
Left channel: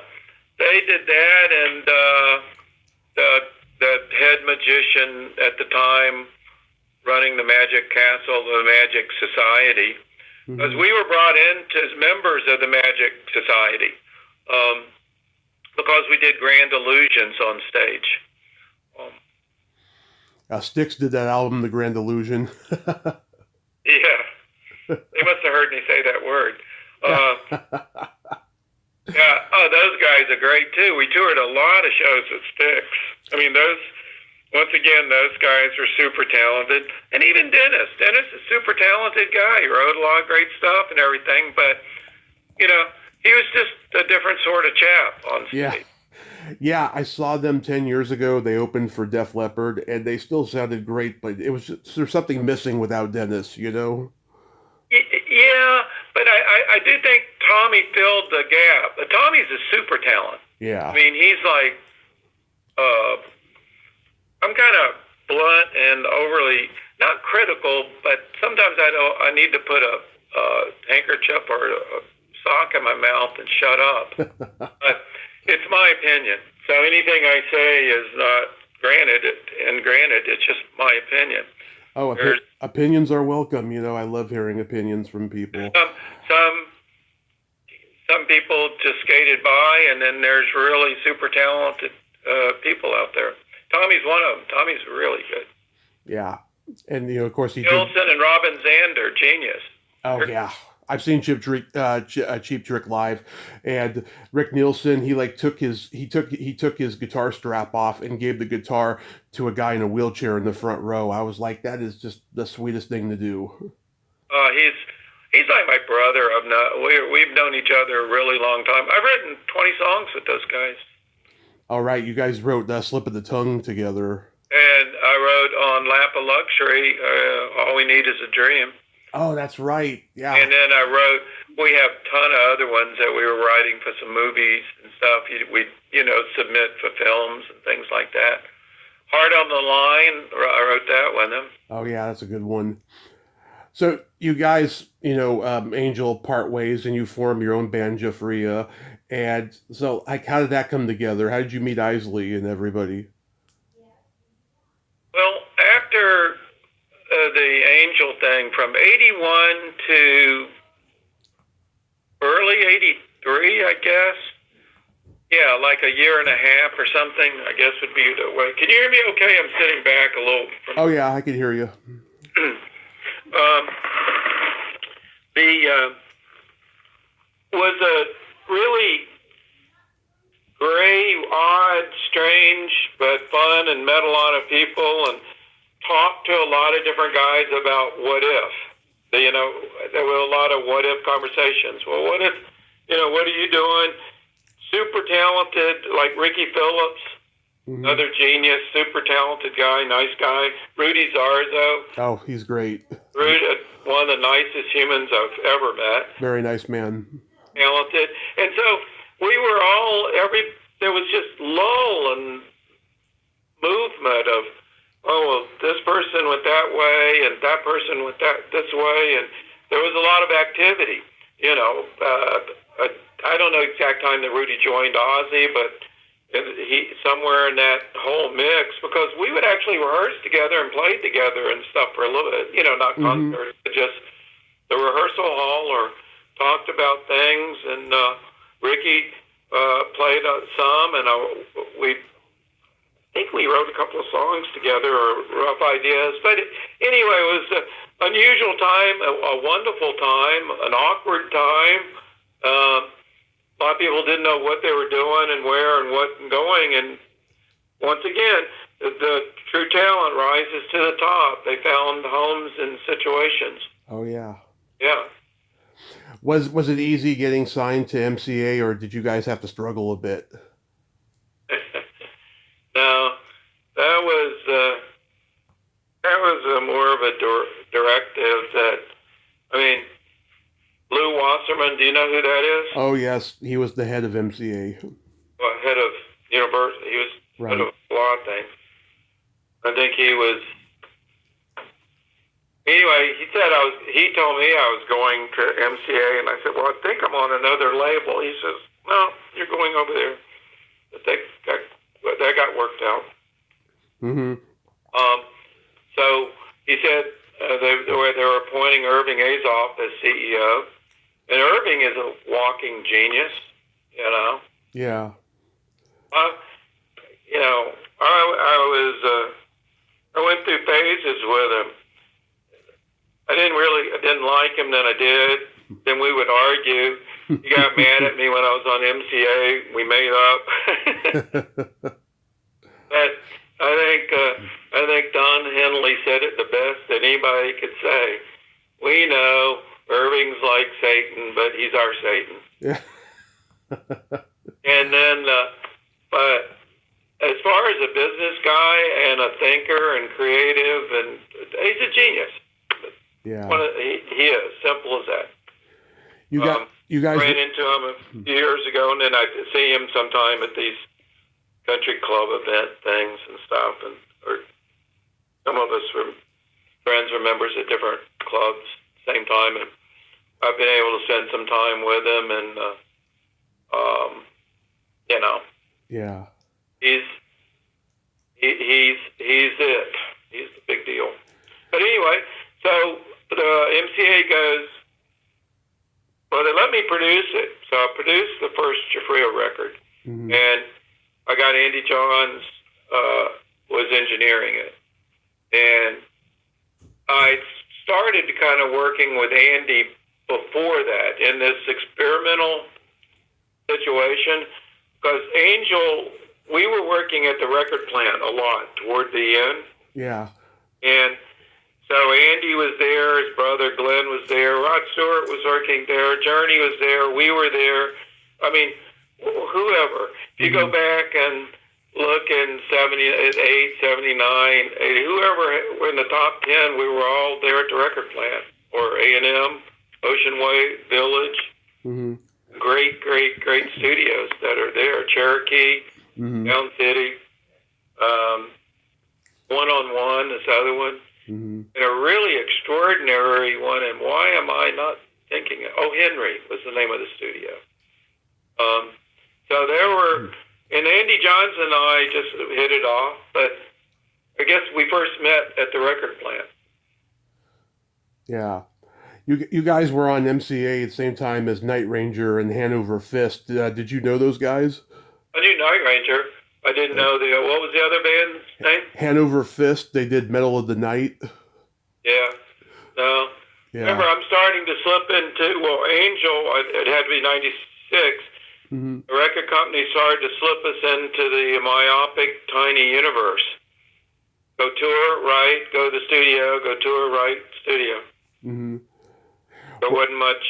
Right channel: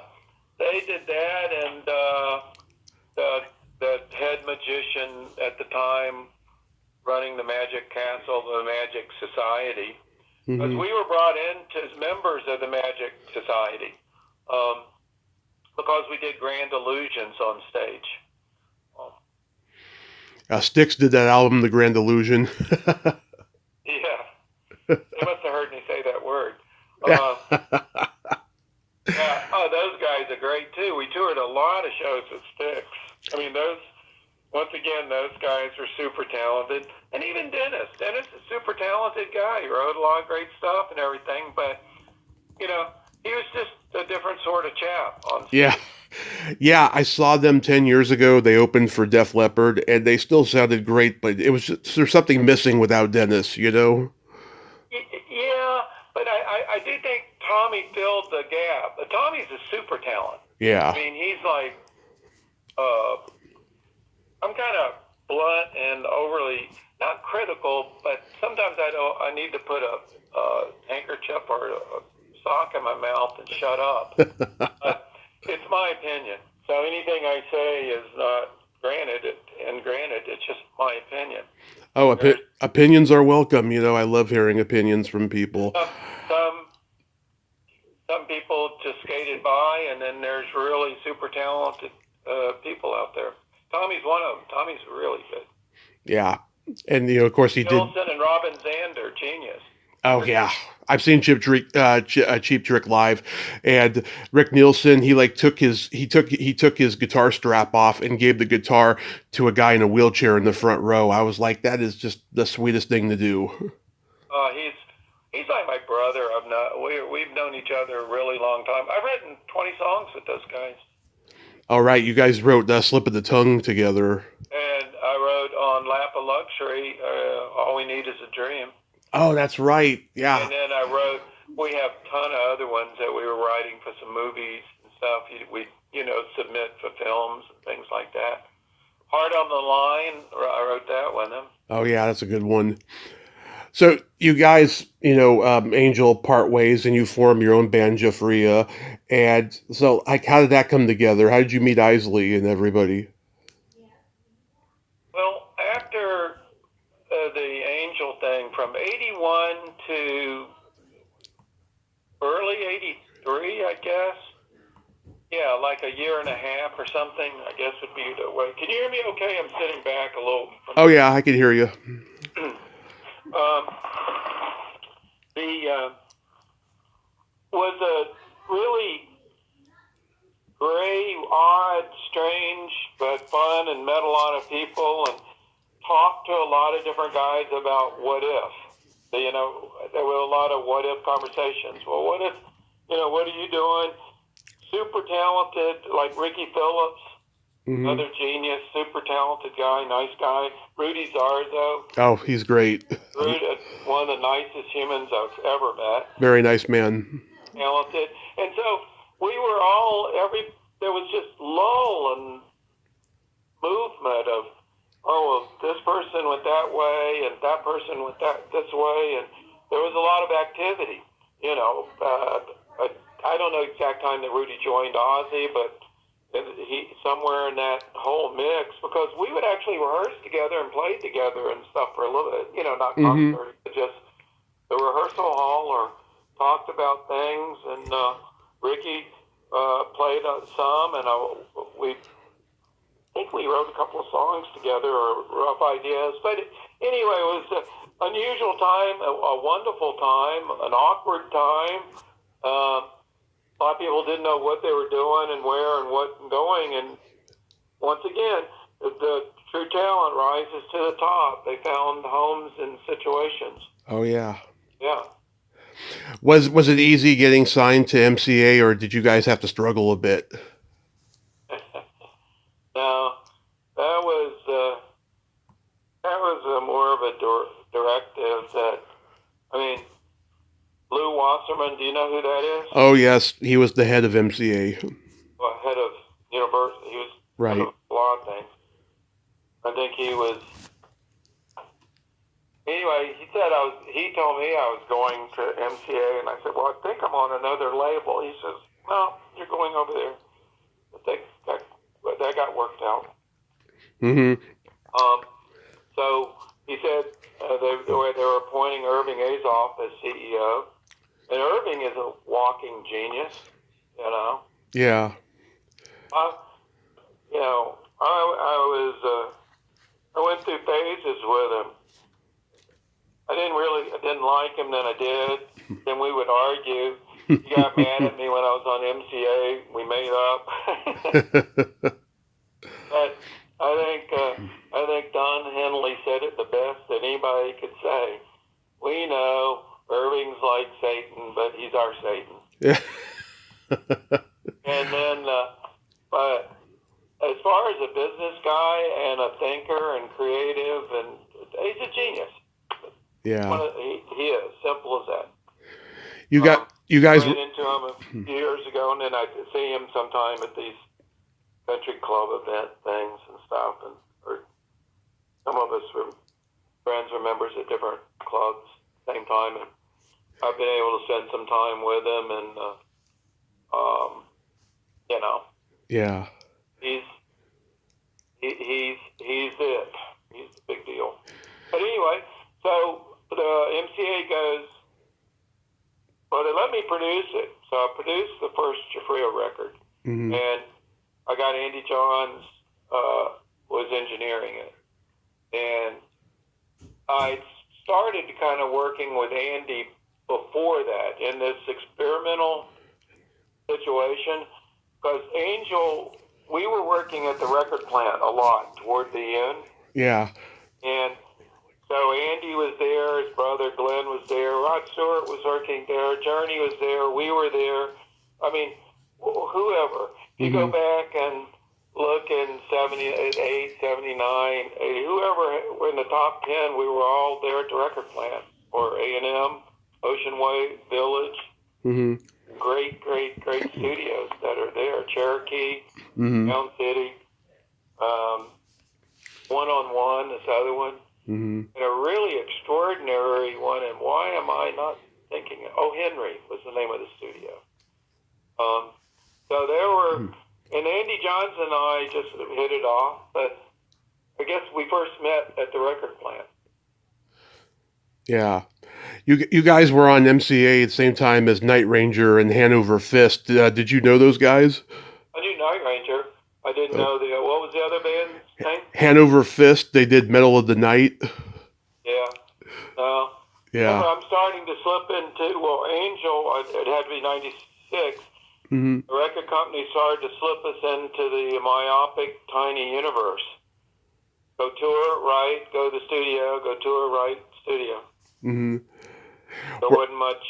they did that, and the head magician at the time running the Magic Castle, the Magic Society, because Mhm. we were brought in as members of the Magic Society, because we did Grand Illusions on stage. Styx did that album, The Grand Illusion. Yeah, they must have heard me say that word. Yeah, those guys are great too. We toured a lot of shows with Styx. I mean, once again, those guys are super talented. And even Dennis. Dennis is a super talented guy. He wrote a lot of great stuff and everything, but, he was just a different sort of chap on stage. Yeah. Yeah, I saw them 10 years ago. They opened for Def Leppard, and they still sounded great, but there's something missing without Dennis, Yeah, but I do think Tommy filled the gap. But Tommy's a super talent. Yeah. I mean, he's like, I'm kind of blunt and overly, not critical, but sometimes I need to put a handkerchief or a sock in my mouth and shut up. But it's my opinion. So anything I say is not granted, it's just my opinion. Oh, opinions are welcome. I love hearing opinions from people. Some people just skated by, and then there's really super talented people out there. Tommy's one of them. Tommy's really good. Yeah, and of course he Wilson and Robin Zander, genius. Oh yeah, I've seen Cheap Trick live, and Rick Nielsen. He took his guitar strap off and gave the guitar to a guy in a wheelchair in the front row. I was like, that is just the sweetest thing to do. He's like my brother. We've known each other a really long time. I've written 20 songs with those guys. All right, you guys wrote "Slip of the Tongue" together. And I wrote on Lap of Luxury, "All We Need Is a Dream." Oh, that's right. Yeah. And then we have a ton of other ones that we were writing for some movies and stuff. We submit for films and things like that. Heart on the Line, I wrote that with him. Oh yeah, that's a good one. So you guys, Angel part ways and you form your own band, Giuffria. And so how did that come together? How did you meet Isley and everybody? Well, after the Angel thing, from 81 to early 83, I guess. Yeah, like a year and a half or something, I guess would be the way. Can you hear me okay? I'm sitting back a little. Oh yeah, I can hear you. Was a really gray, odd, strange, but fun, and met a lot of people and talked to a lot of different guys about what if. There were a lot of what if conversations. Well, what if, what are you doing? Super talented, like Ricky Phillips, another genius, super talented guy, nice guy. Rudy Zarzo. Oh, he's great. Rudy, one of the nicest humans I've ever met. Very nice man. Talented. And so we were all, there was just lull and movement of, this person went that way and that person went this way. And there was a lot of activity, I don't know the exact time that Rudy joined Ozzy, but he somewhere in that whole mix, because we would actually rehearse together and play together and stuff for a little bit, not concerts, but just the rehearsal hall or talked about things. And Ricky played some, and we think we wrote a couple of songs together or rough ideas. But anyway, it was an unusual time, a wonderful time, an awkward time. A lot of people didn't know what they were doing and where and what and going. And once again, the true talent rises to the top. They found homes and situations. Oh, yeah. Yeah. Was it easy getting signed to MCA, or did you guys have to struggle a bit? No, that was more of a directive that, I mean, Lou Wasserman, do you know who that is? Oh, yes. He was the head of MCA. Well, head of university. He was Right. head of a lot of things. I think he was. Anyway, he told me I was going to MCA, and I said, well, I think I'm on another label. He says, no, you're going over there. But that got worked out. Mm-hmm. So he said they were appointing Irving Azoff as CEO. And Irving is a walking genius, you know. Yeah. You know, I went through phases with him. I didn't like him, then I did. Then we would argue. He got mad at me when I was on MCA. We made up. But I think Don Henley said it the best that anybody could say. We know Irving's like Satan, but he's our Satan. Yeah. And then, but as far as a business guy and a thinker and creative, and he's a genius. Yeah. He is, simple as that. You guys ran into him a few years ago, and then I see him sometime at these country club event things and stuff, and or some of us were friends or members at different clubs same time, and I've been able to spend some time with him, and you know, yeah, he's it. He's the big deal. But anyway, so the MCA goes, well, they let me produce it, so I produced the first Giuffria record, and I got Andy Johns was engineering it, and I started kind of working with Andy before that in this experimental situation, because Angel, we were working at the record plant a lot toward the end. Yeah. And so Andy was there, his brother Glenn was there, Rod Stewart was working there, Journey was there, we were there. I mean, whoever. If you go back and look in 78, 79, 80, whoever were in the top 10, we were all there at the record plant, or A&M, Ocean Way Village. Great studios that are there. Cherokee, Mound City, One-on-One, this other one. And a really extraordinary one, and why am I not thinking it? Oh, Henry was the name of the studio. So there were, and Andy Johns and I just hit it off, but I guess we first met at the record plant. Yeah. You guys were on MCA at the same time as Night Ranger and Hanover Fist. Did you know those guys? I knew Night Ranger. I didn't know what was the other band's name? Hanover Fist. They did Metal of the Night. Yeah. No. Yeah. Remember, I'm starting to slip into, well, Angel, it had to be 96. The record company started to slip us into the myopic, tiny universe. Go tour, right, go to the studio, go tour, right, studio. There wasn't much,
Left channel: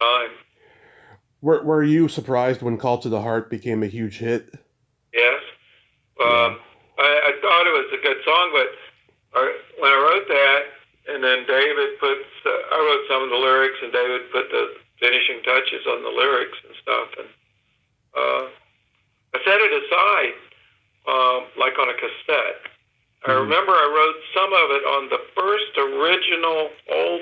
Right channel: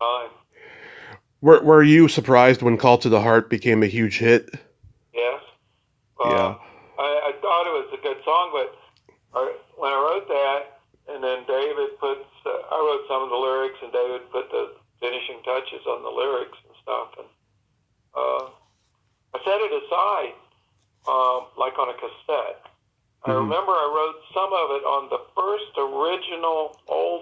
time. Were you surprised when Call to the Heart became a huge hit? Yes. Yeah. I thought it was a good song, but when I wrote that, and then David I wrote some of the lyrics, and David put the finishing touches on the lyrics and stuff, and I set it aside, like on a cassette. I remember I wrote some of it on the first original old,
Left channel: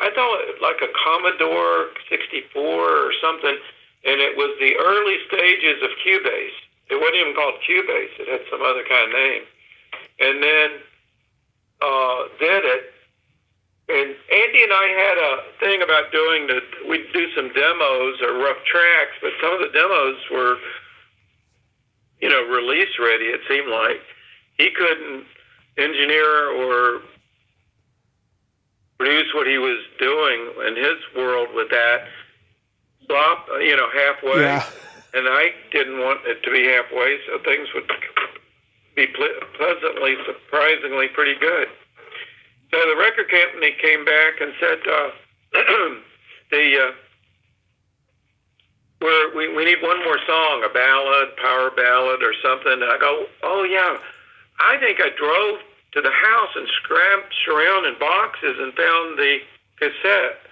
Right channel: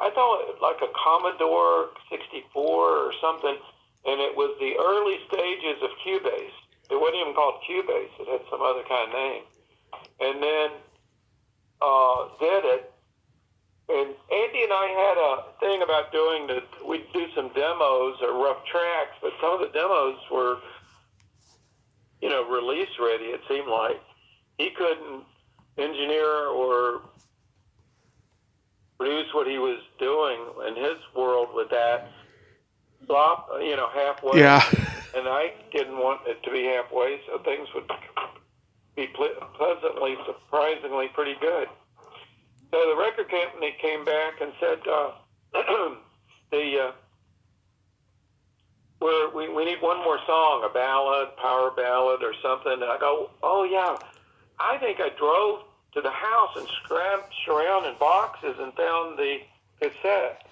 I thought it like a Commodore 64 or something, and it was the early stages of Cubase. It wasn't even called Cubase. It had some other kind of name. And then did it. And Andy and I had a thing about we'd do some demos or rough tracks, but some of the demos were, release ready, it seemed like. He couldn't engineer or produce what he was doing in his world with that. Stop, halfway. Yeah. And I didn't want it to be halfway, so things would be pleasantly, surprisingly pretty good. So the record company came back and said, we need one more song, a ballad, power ballad or something. And I go, oh yeah, I think I drove to the house and scratched around in boxes and found the cassette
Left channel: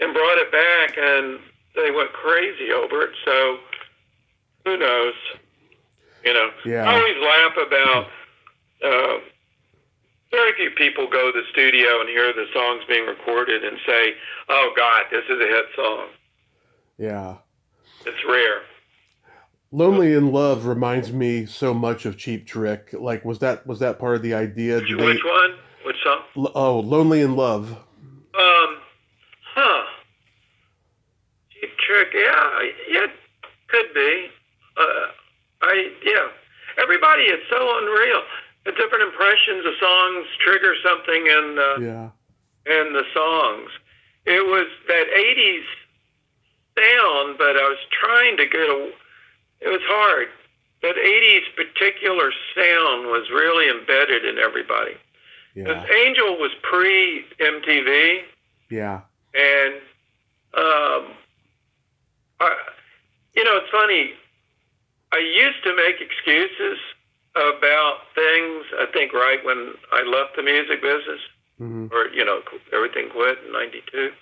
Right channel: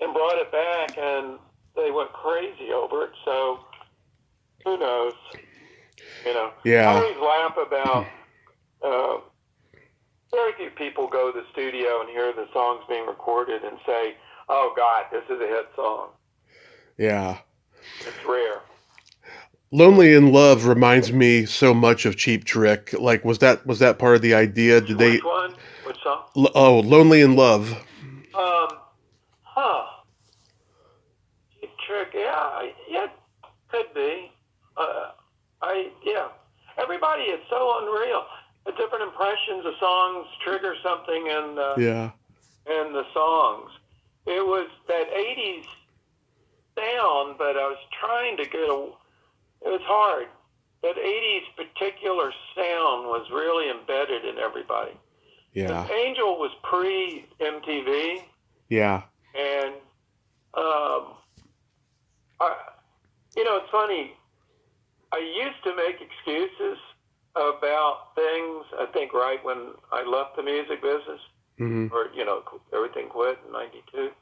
and brought it back, and they went crazy over it. So who knows? Yeah. I always laugh about very few people go to the studio and hear the songs being recorded and say, oh God, this is a hit song. Yeah. It's rare. Lonely in Love reminds me so much of Cheap Trick. Like, was that part of the idea? Which one? Which song? Lonely in Love. Cheap Trick, yeah, could be. Everybody is so unreal. The different impressions of songs trigger something in the songs. It was that 80s sound, but I was trying to it was hard. That 80s particular sound was really embedded in everybody. Yeah. Angel was pre-MTV. Yeah. And, it's funny. I used to make excuses about things, I think, right when I left the music business, or, everything quit in 92.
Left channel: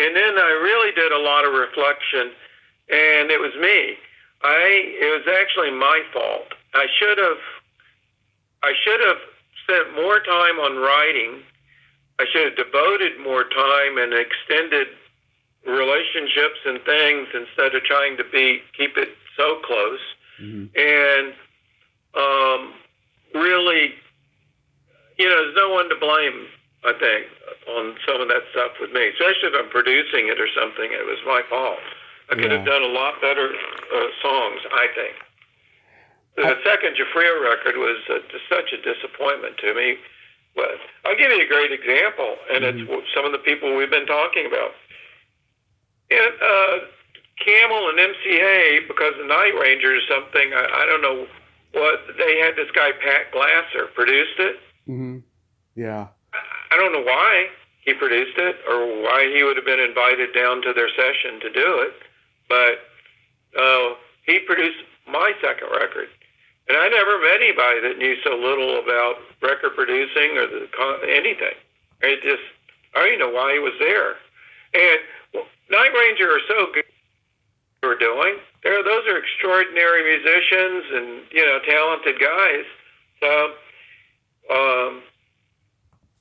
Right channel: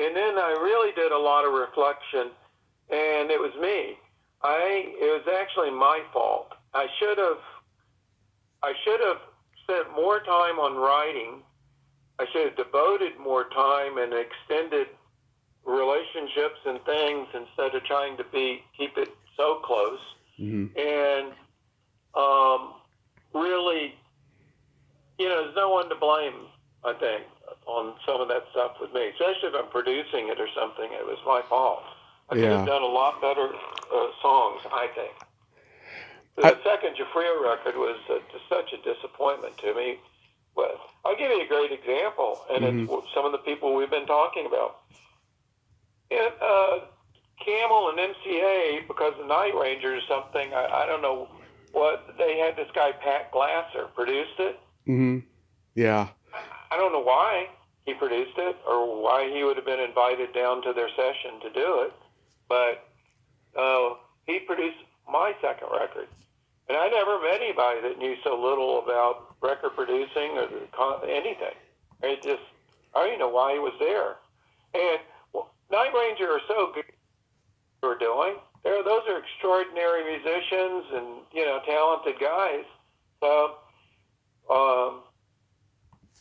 And then I really did a lot of reflection, and it was me. It was actually my fault. I should have spent more time on writing. I should have devoted more time and extended relationships and things instead of trying to keep it so close. Mm-hmm. And really, there's no one to blame, I think, on some of that stuff with me, especially if I'm producing it or something. It was my fault. I could have done a lot better songs, I think. The second Giuffria record was such a disappointment to me. But I'll give you a great example, and it's some of the people we've been talking about. Camel and MCA, because of Night Ranger or something, I don't know what, they had this guy, Pat Glasser, produced it. Mm-hmm. Yeah. I don't know why he produced it or why he would have been invited down to their session to do it, but he produced my second record. And I never met anybody that knew so little about record producing or anything. I don't even know why he was there. And Night Ranger are so good at what they're doing. Those are extraordinary musicians and, talented guys. So,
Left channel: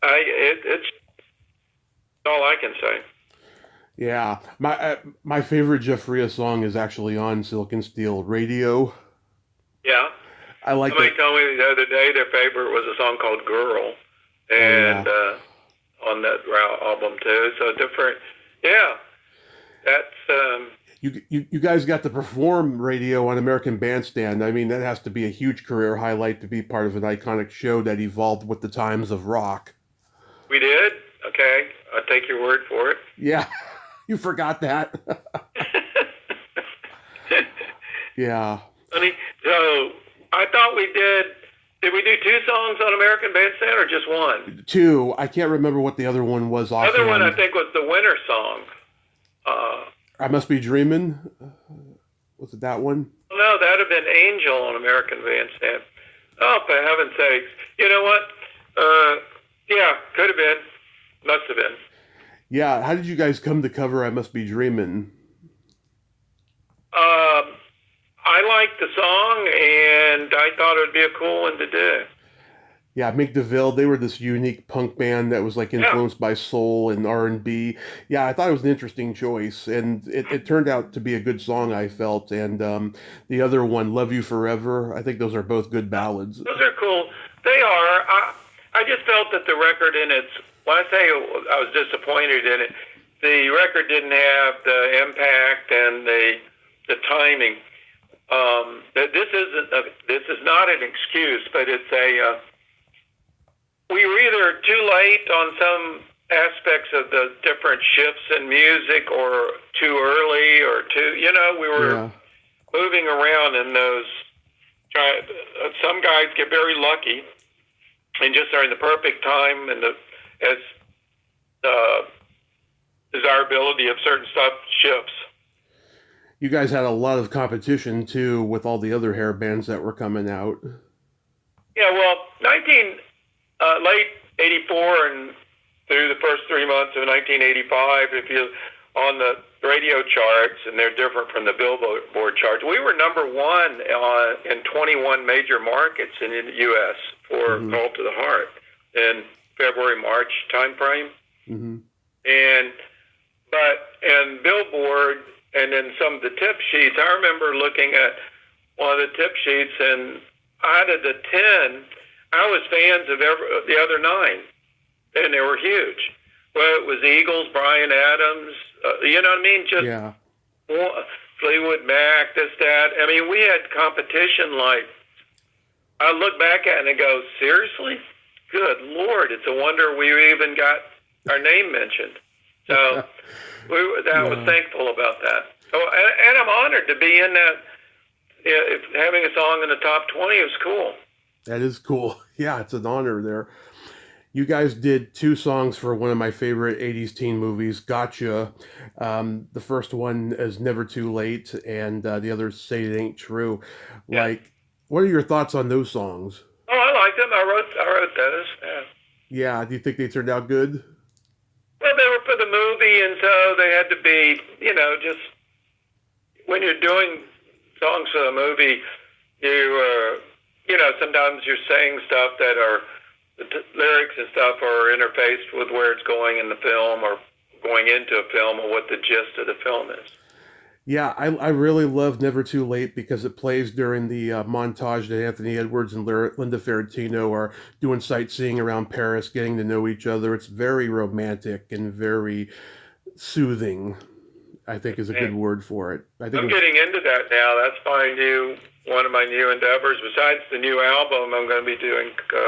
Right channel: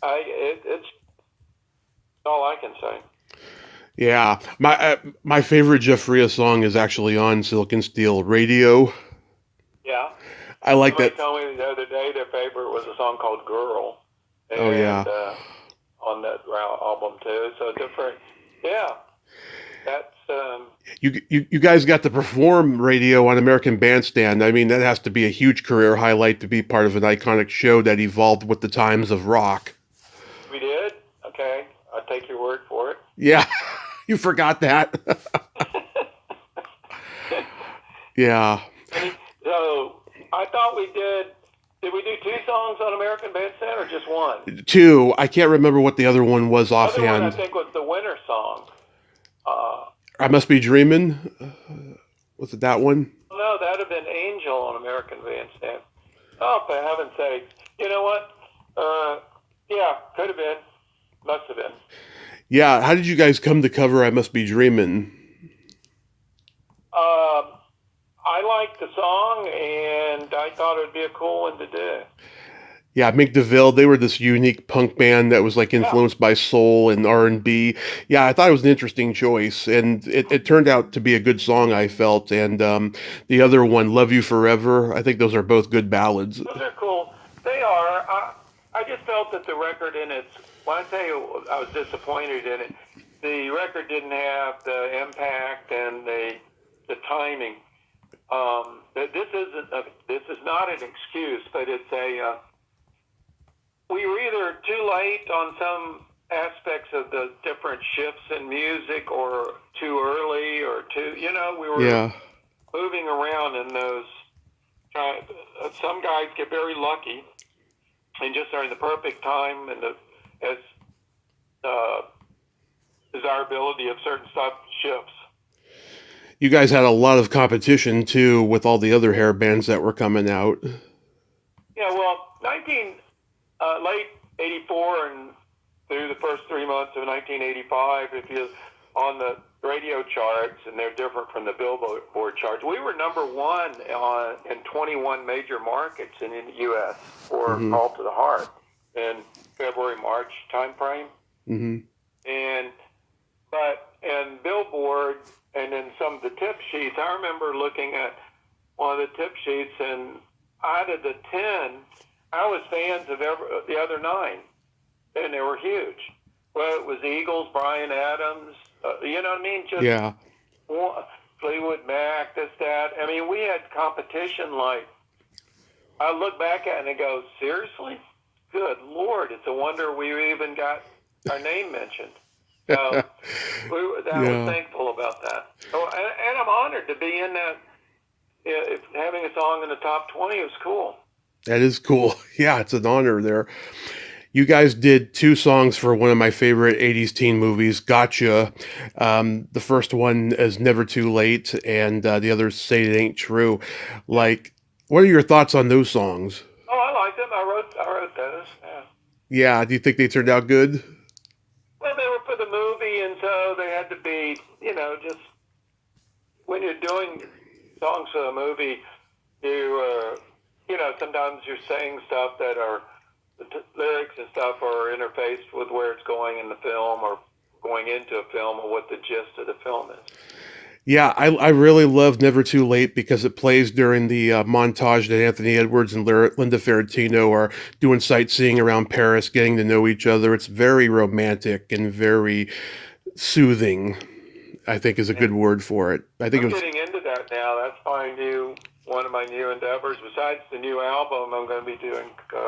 it's all I can say. Yeah. My favorite Giuffria song is actually on Silk and Steel Radio. Yeah. I like Somebody that. told me the other day their favorite was a song called Girl. And, on that album too. So different. Yeah. That's, You guys got to perform radio on American Bandstand. I mean, that has to be a huge career highlight to be part of an iconic show that evolved with the times of rock. We did? Okay. I'll take your word for it. Yeah. You forgot that. Yeah. So I thought we did we do 2 songs on American Bandstand or just one? 2. I can't remember what the other one was The other one, I offhand. think, was the winter song. I Must Be Dreamin'. Was it that one? No, that would have been Angel on American Bandstand. Oh, for heaven's sakes. You know what? Yeah, could have been. Must have been. Yeah. How did you guys come to cover I Must Be Dreamin'? I liked the song, and I thought it would be a cool one to do. Yeah, Mick DeVille, they were this unique punk band that was like influenced by soul and R&B. Yeah, I thought it was an interesting choice, and it turned out to be a good song, I felt. And the other one, Love You Forever, I think those are both good ballads. Those are cool. They are. I just felt that the record in its when I say I was disappointed in it, the record didn't have the impact and the timing. This is not an excuse, but it's we were either too late on some aspects of the different shifts in music, or too early, or we were moving around in those. Some guys get very lucky and just are in the perfect time and as desirability of certain stuff shifts. You guys had a lot of competition too with all the other hair bands that were coming out. Yeah, well, late '84 and through the first 3 months of 1985, if you on the radio charts, and they're different from the Billboard charts, we were number one in 21 major markets in the U.S. for Call to the Heart in February-March time frame. Mm-hmm. And Billboard, and then some of the tip sheets, I remember looking at one of the tip sheets, and out of the 10, I was fans of the other 9, and they were huge. Well, it was Eagles, Bryan Adams, you know what I mean? Just Fleetwood Mac, this, that. I mean, we had competition like, I look back at it and go, seriously? Good Lord, it's a wonder we even got our name mentioned. So I was thankful about that. So, and I'm honored to be in that. Having a song in the top 20 is cool. That is cool. Yeah, it's an honor there. You guys did 2 songs for one of my favorite 80s teen movies, Gotcha. The first one is Never Too Late, and the other Say It Ain't True. Yeah. Like, what are your thoughts on those songs? Oh, I liked them. I wrote those. Yeah, do you think they turned out good? Well, they were for the movie, and so they had to be, just when you're doing songs for the movie, sometimes you're saying stuff that are, the lyrics and stuff are interfaced with where it's going in the film, or going into a film, or what the gist of the film is. Yeah, I really love Never Too Late because it plays during the montage that Anthony Edwards and Linda Ferrantino are doing sightseeing around Paris, getting to know each other. It's very romantic and very soothing, I think is a good word for it. I think I'm getting into that now. That's one of my new endeavors. Besides the new album, I'm going to be doing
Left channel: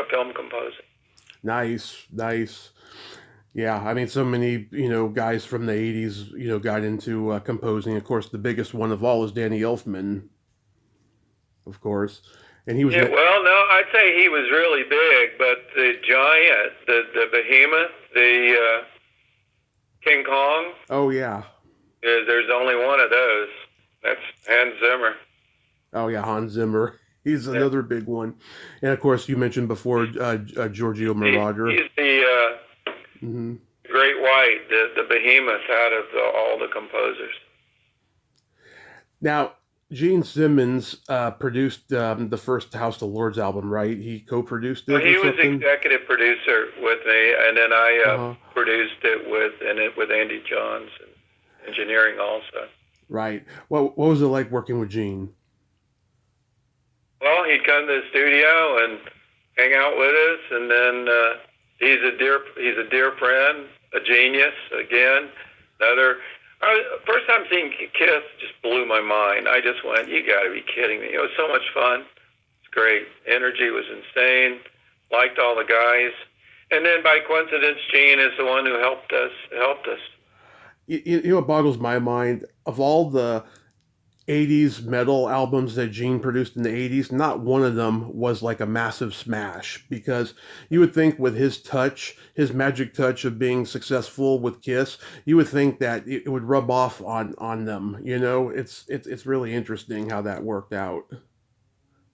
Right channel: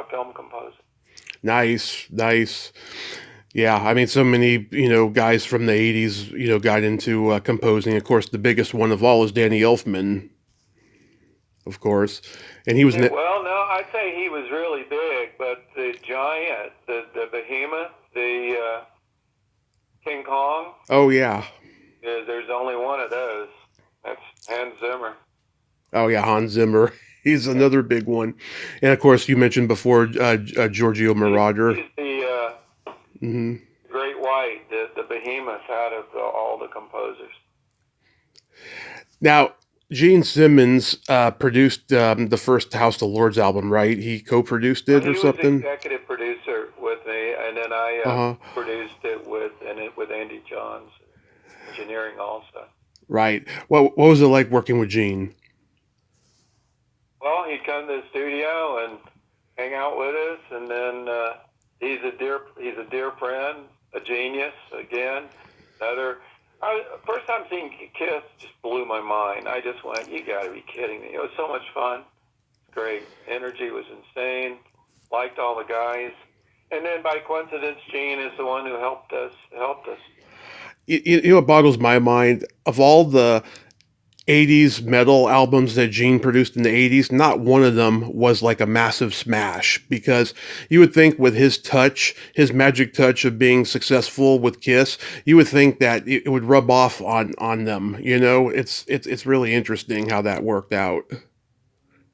film composing. Nice. Yeah, I mean, so many, guys from the 80s, got into composing. Of course, the biggest one of all is Danny Elfman, of course. And he was... well, no, I'd say he was really big, but the giant, the behemoth, the King Kong... Oh, yeah. There's only one of those. That's Hans Zimmer. Oh, yeah, Hans Zimmer. He's another big one. And, of course, you mentioned before Giorgio Moroder. He's the Great White, the behemoth out of all the composers. Now, Gene Simmons produced the first House of Lords album, right? He co-produced it or something? He was executive producer with me, and then I produced it with Andy Johns, and engineering also. Right. What was it like working with Gene? Well, he'd come to the studio and hang out with us, and then he's a dear friend, a genius. Again, first time seeing Kiss just blew my mind. I just went, you got to be kidding me! It was so much fun. It's great. Energy was insane. Liked all the guys, and then by coincidence, Gene is the one who helped us. It boggles my mind. Of all the 80s metal albums that Gene produced in the 80s, not one of them was like a massive smash, because you would think with his touch, his magic touch of being successful with Kiss, you would think that it would rub off on them. It's really interesting how that worked out.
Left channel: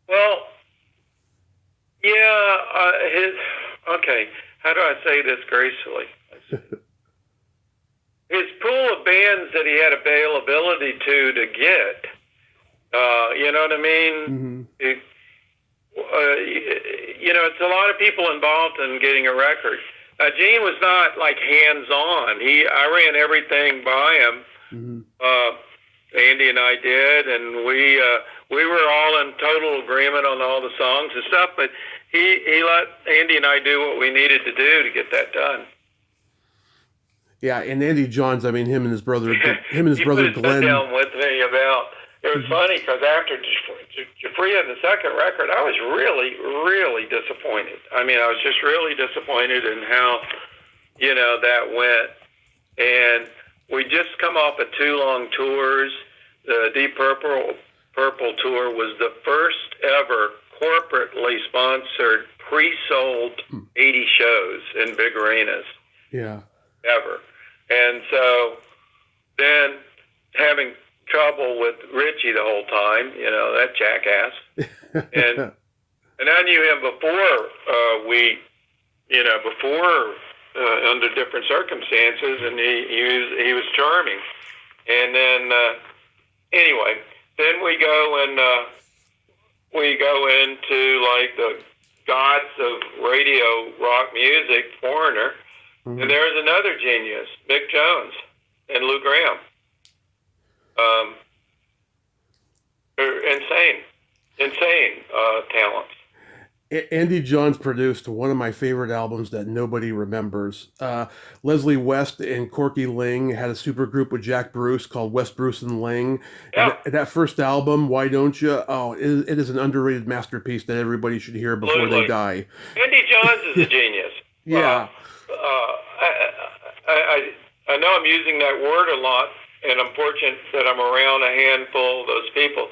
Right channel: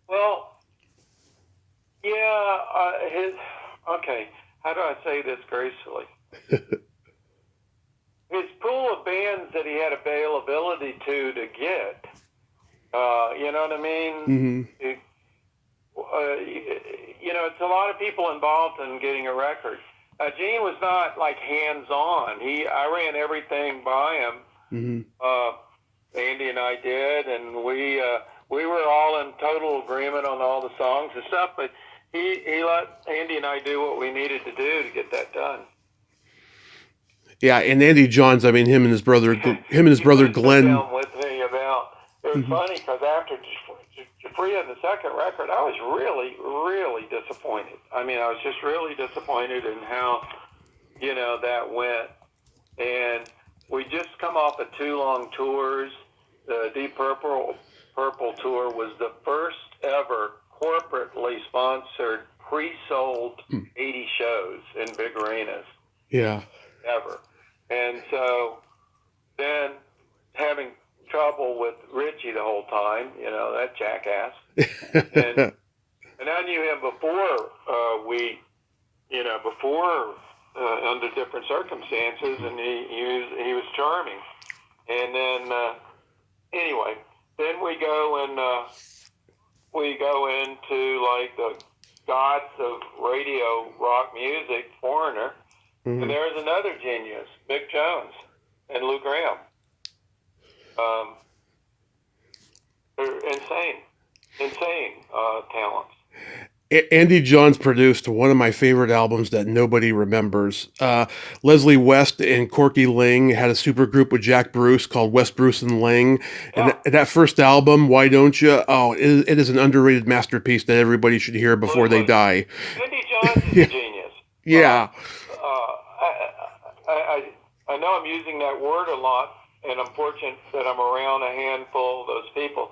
Well, yeah, okay, how do I say this gracefully? His pool of bands that he had availability to get, you know what I mean? Mm-hmm. It's a lot of people involved in getting a record. Gene was not like hands-on. I ran everything by him. Mm-hmm. Andy and I did, and we were all in total agreement on all the songs and stuff, but he let Andy and I do what we needed to do to get that done. Yeah, and Andy Johns, I mean, him and his You put brother a sit Glenn. down with me about. It was Mhm. funny because after Giuffria, the second record, I was really, really disappointed. I mean, I was just really disappointed in how that went. And we just come off of 2 long tours. The Deep Purple tour was the first ever corporately sponsored, pre-sold 80 shows in big arenas Yeah. ever. And so then having trouble with Richie the whole time, that jackass. And and I knew him before before under different circumstances, and he was charming. And then anyway, then we go into like the gods of radio rock music, Foreigner, and there's another genius, Mick Jones and Lou Graham. They're insane talents. Andy Johns produced one of my favorite albums that nobody remembers. Leslie West and Corky Ling had a supergroup with Jack Bruce called West Bruce and Ling. Yeah. And that first album, Why Don't You? Oh, it is an underrated masterpiece that everybody should hear before they die. Andy Johns is a genius. Yeah. I know I'm using that word a lot, and I'm fortunate that I'm around a handful of those people.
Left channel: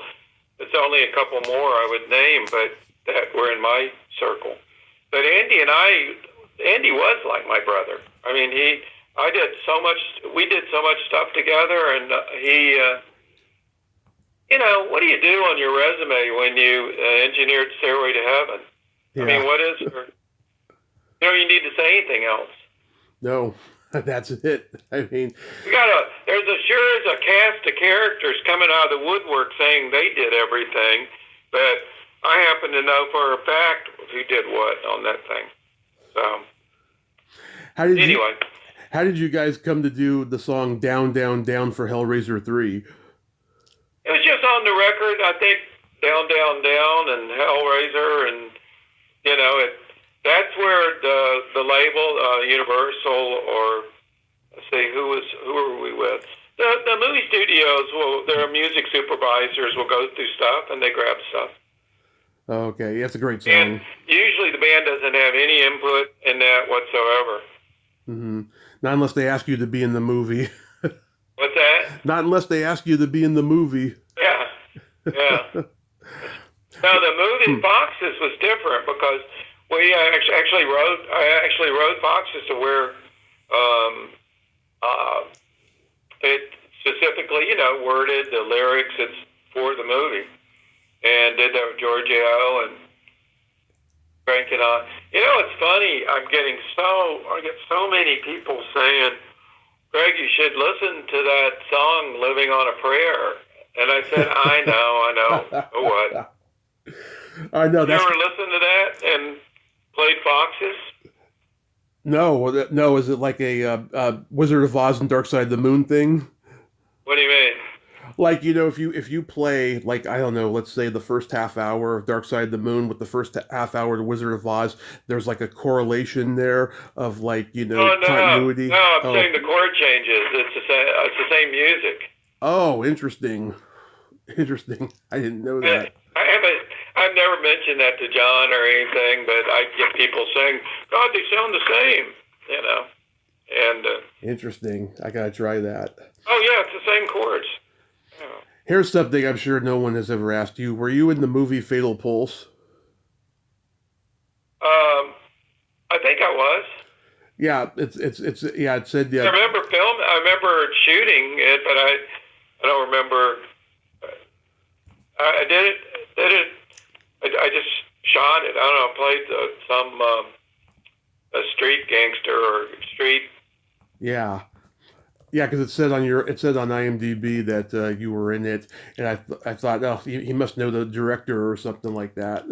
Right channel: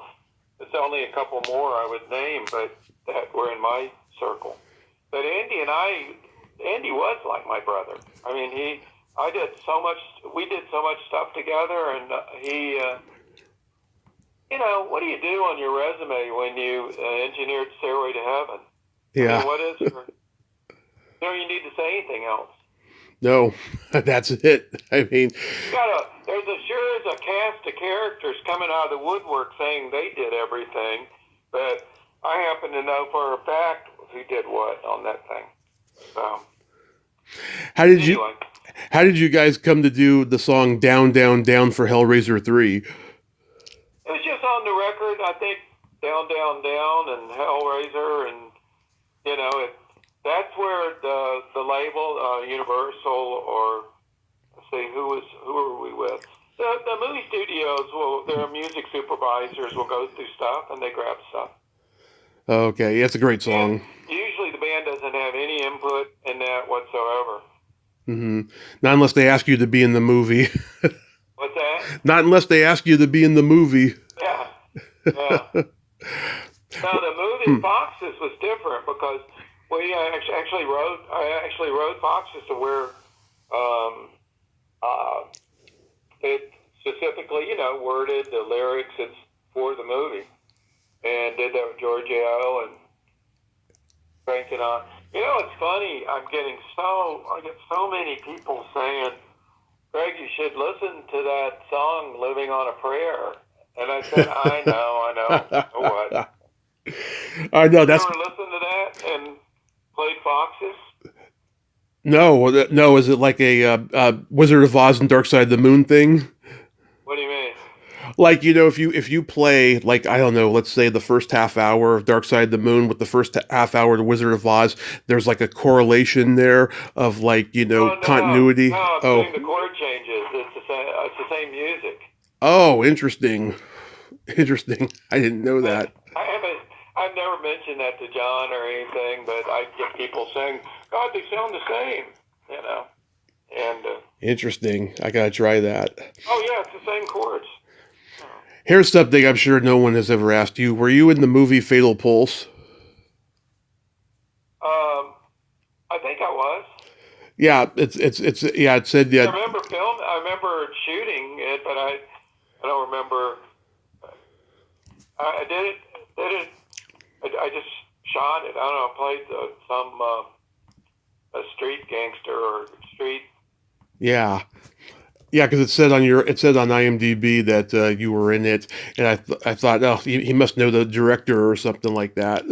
There's only a couple more I would name, but that were in my circle. But Andy was like my brother. I mean, we did so much stuff together, and what do you do on your resume when you engineered Stairway to Heaven? Yeah. I mean, what is there? You need to say anything else. No, that's it. I mean, there's a cast of characters coming out of the woodwork saying they did everything, but I happen to know for a fact who did what on that thing. So, how did you guys come to do the song Down, Down, Down for Hellraiser 3? It was just on the record, I think, Down, Down, Down and Hellraiser, and that's where the label, Universal, or let's see, who were we with? The movie studios their music supervisors will go through stuff and they grab stuff. Okay, that's a great song. And usually the band doesn't have any input in that whatsoever. Not unless they ask you to be in the movie. What's that? Not unless they ask you to be in the movie. Yeah. Now the movie Foxes was different because we I actually wrote Foxes to where it specifically, worded the lyrics. It's for the movie. And did that with Giorgio and cranking on. It's funny. I get so many people saying, Greg, you should listen to that song, Living on a Prayer. And I said, I know. So what? I know. You ever listened to that and played Foxes? No. Is it like a Wizard of Oz and Dark Side of the Moon thing? What do you mean? Like, if you play, like, I don't know, let's say the first half hour of Dark Side of the Moon with the first half hour of The Wizard of Oz, there's like a correlation there of like, continuity. No, I'm saying the chord changes. It's the same music. Oh, interesting. I didn't know that. I've never mentioned that to John or anything, but I get people saying, God, they sound the same, and interesting. I gotta try that. Oh yeah, it's the same chords. Here's something I'm sure no one has ever asked you. Were you in the movie Fatal Pulse? I think I was. Yeah, it said yeah. I remember shooting it, but I don't remember. I did it. I just shot it. I don't know. Played a street gangster or street. Yeah. Yeah, because it said on IMDb that you were in it, and I thought, oh, he must know the director or something like that.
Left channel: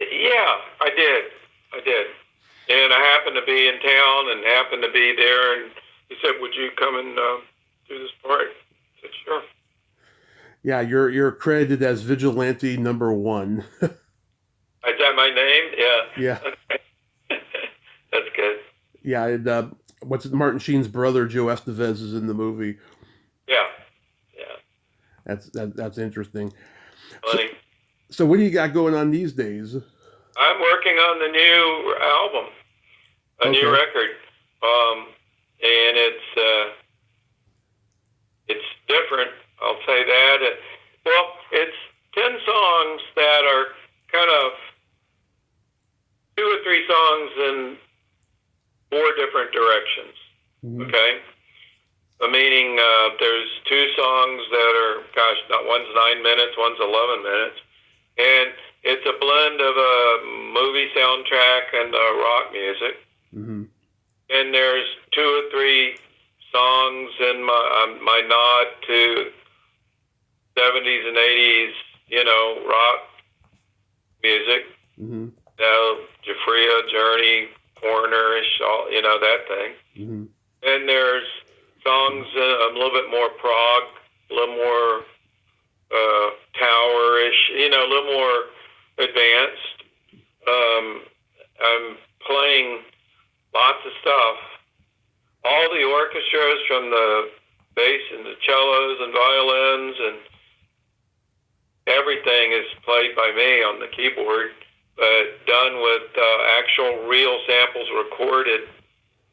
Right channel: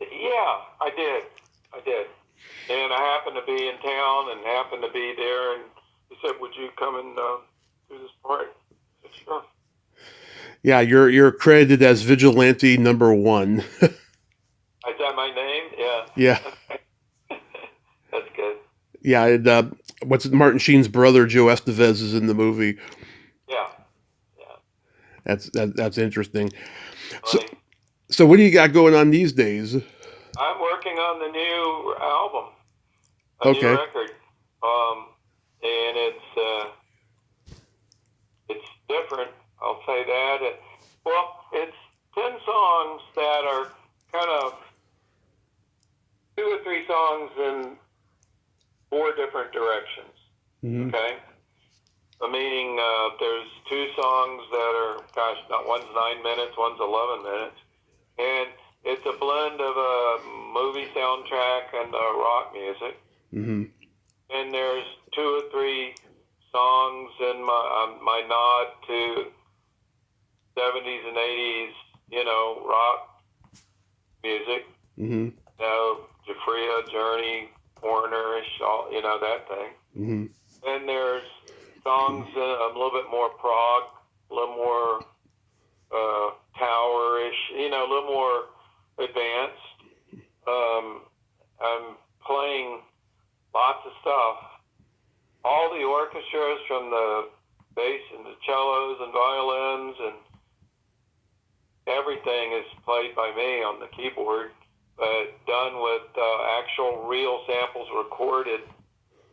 Yeah, I did, and I happened to be in town and happened to be there, and he said, "Would you come and do this part?" I said, "Sure." Yeah, you're credited as Vigilante #1. Is that my name? Yeah. Yeah. That's good. Yeah, and what's it, Martin Sheen's brother Joe Estevez is in the movie. Yeah, yeah, That's interesting. So, funny. so what do you got going on these days? I'm working on the new album, a new Okay. record, and it's different. I'll say that. Well, it's 10 songs that are kind of 2 or 3 songs in 4 different directions. Hmm. Okay, meaning there's 2 songs that are, gosh, not one's 9 minutes, one's 11 minutes, and it's a blend of a movie soundtrack and rock music. Hmm. And there's 2 or 3 songs in my nod to 70s and 80s, rock music. Hmm. Giuffria, Journey, Foreigner-ish, all, that thing. Hmm. And there's songs a little bit more prog, a little more tower-ish, a little more advanced. I'm playing lots of stuff. All the orchestras, from the bass and the cellos and violins, and everything is played by me on the keyboard, but done with actual real samples recorded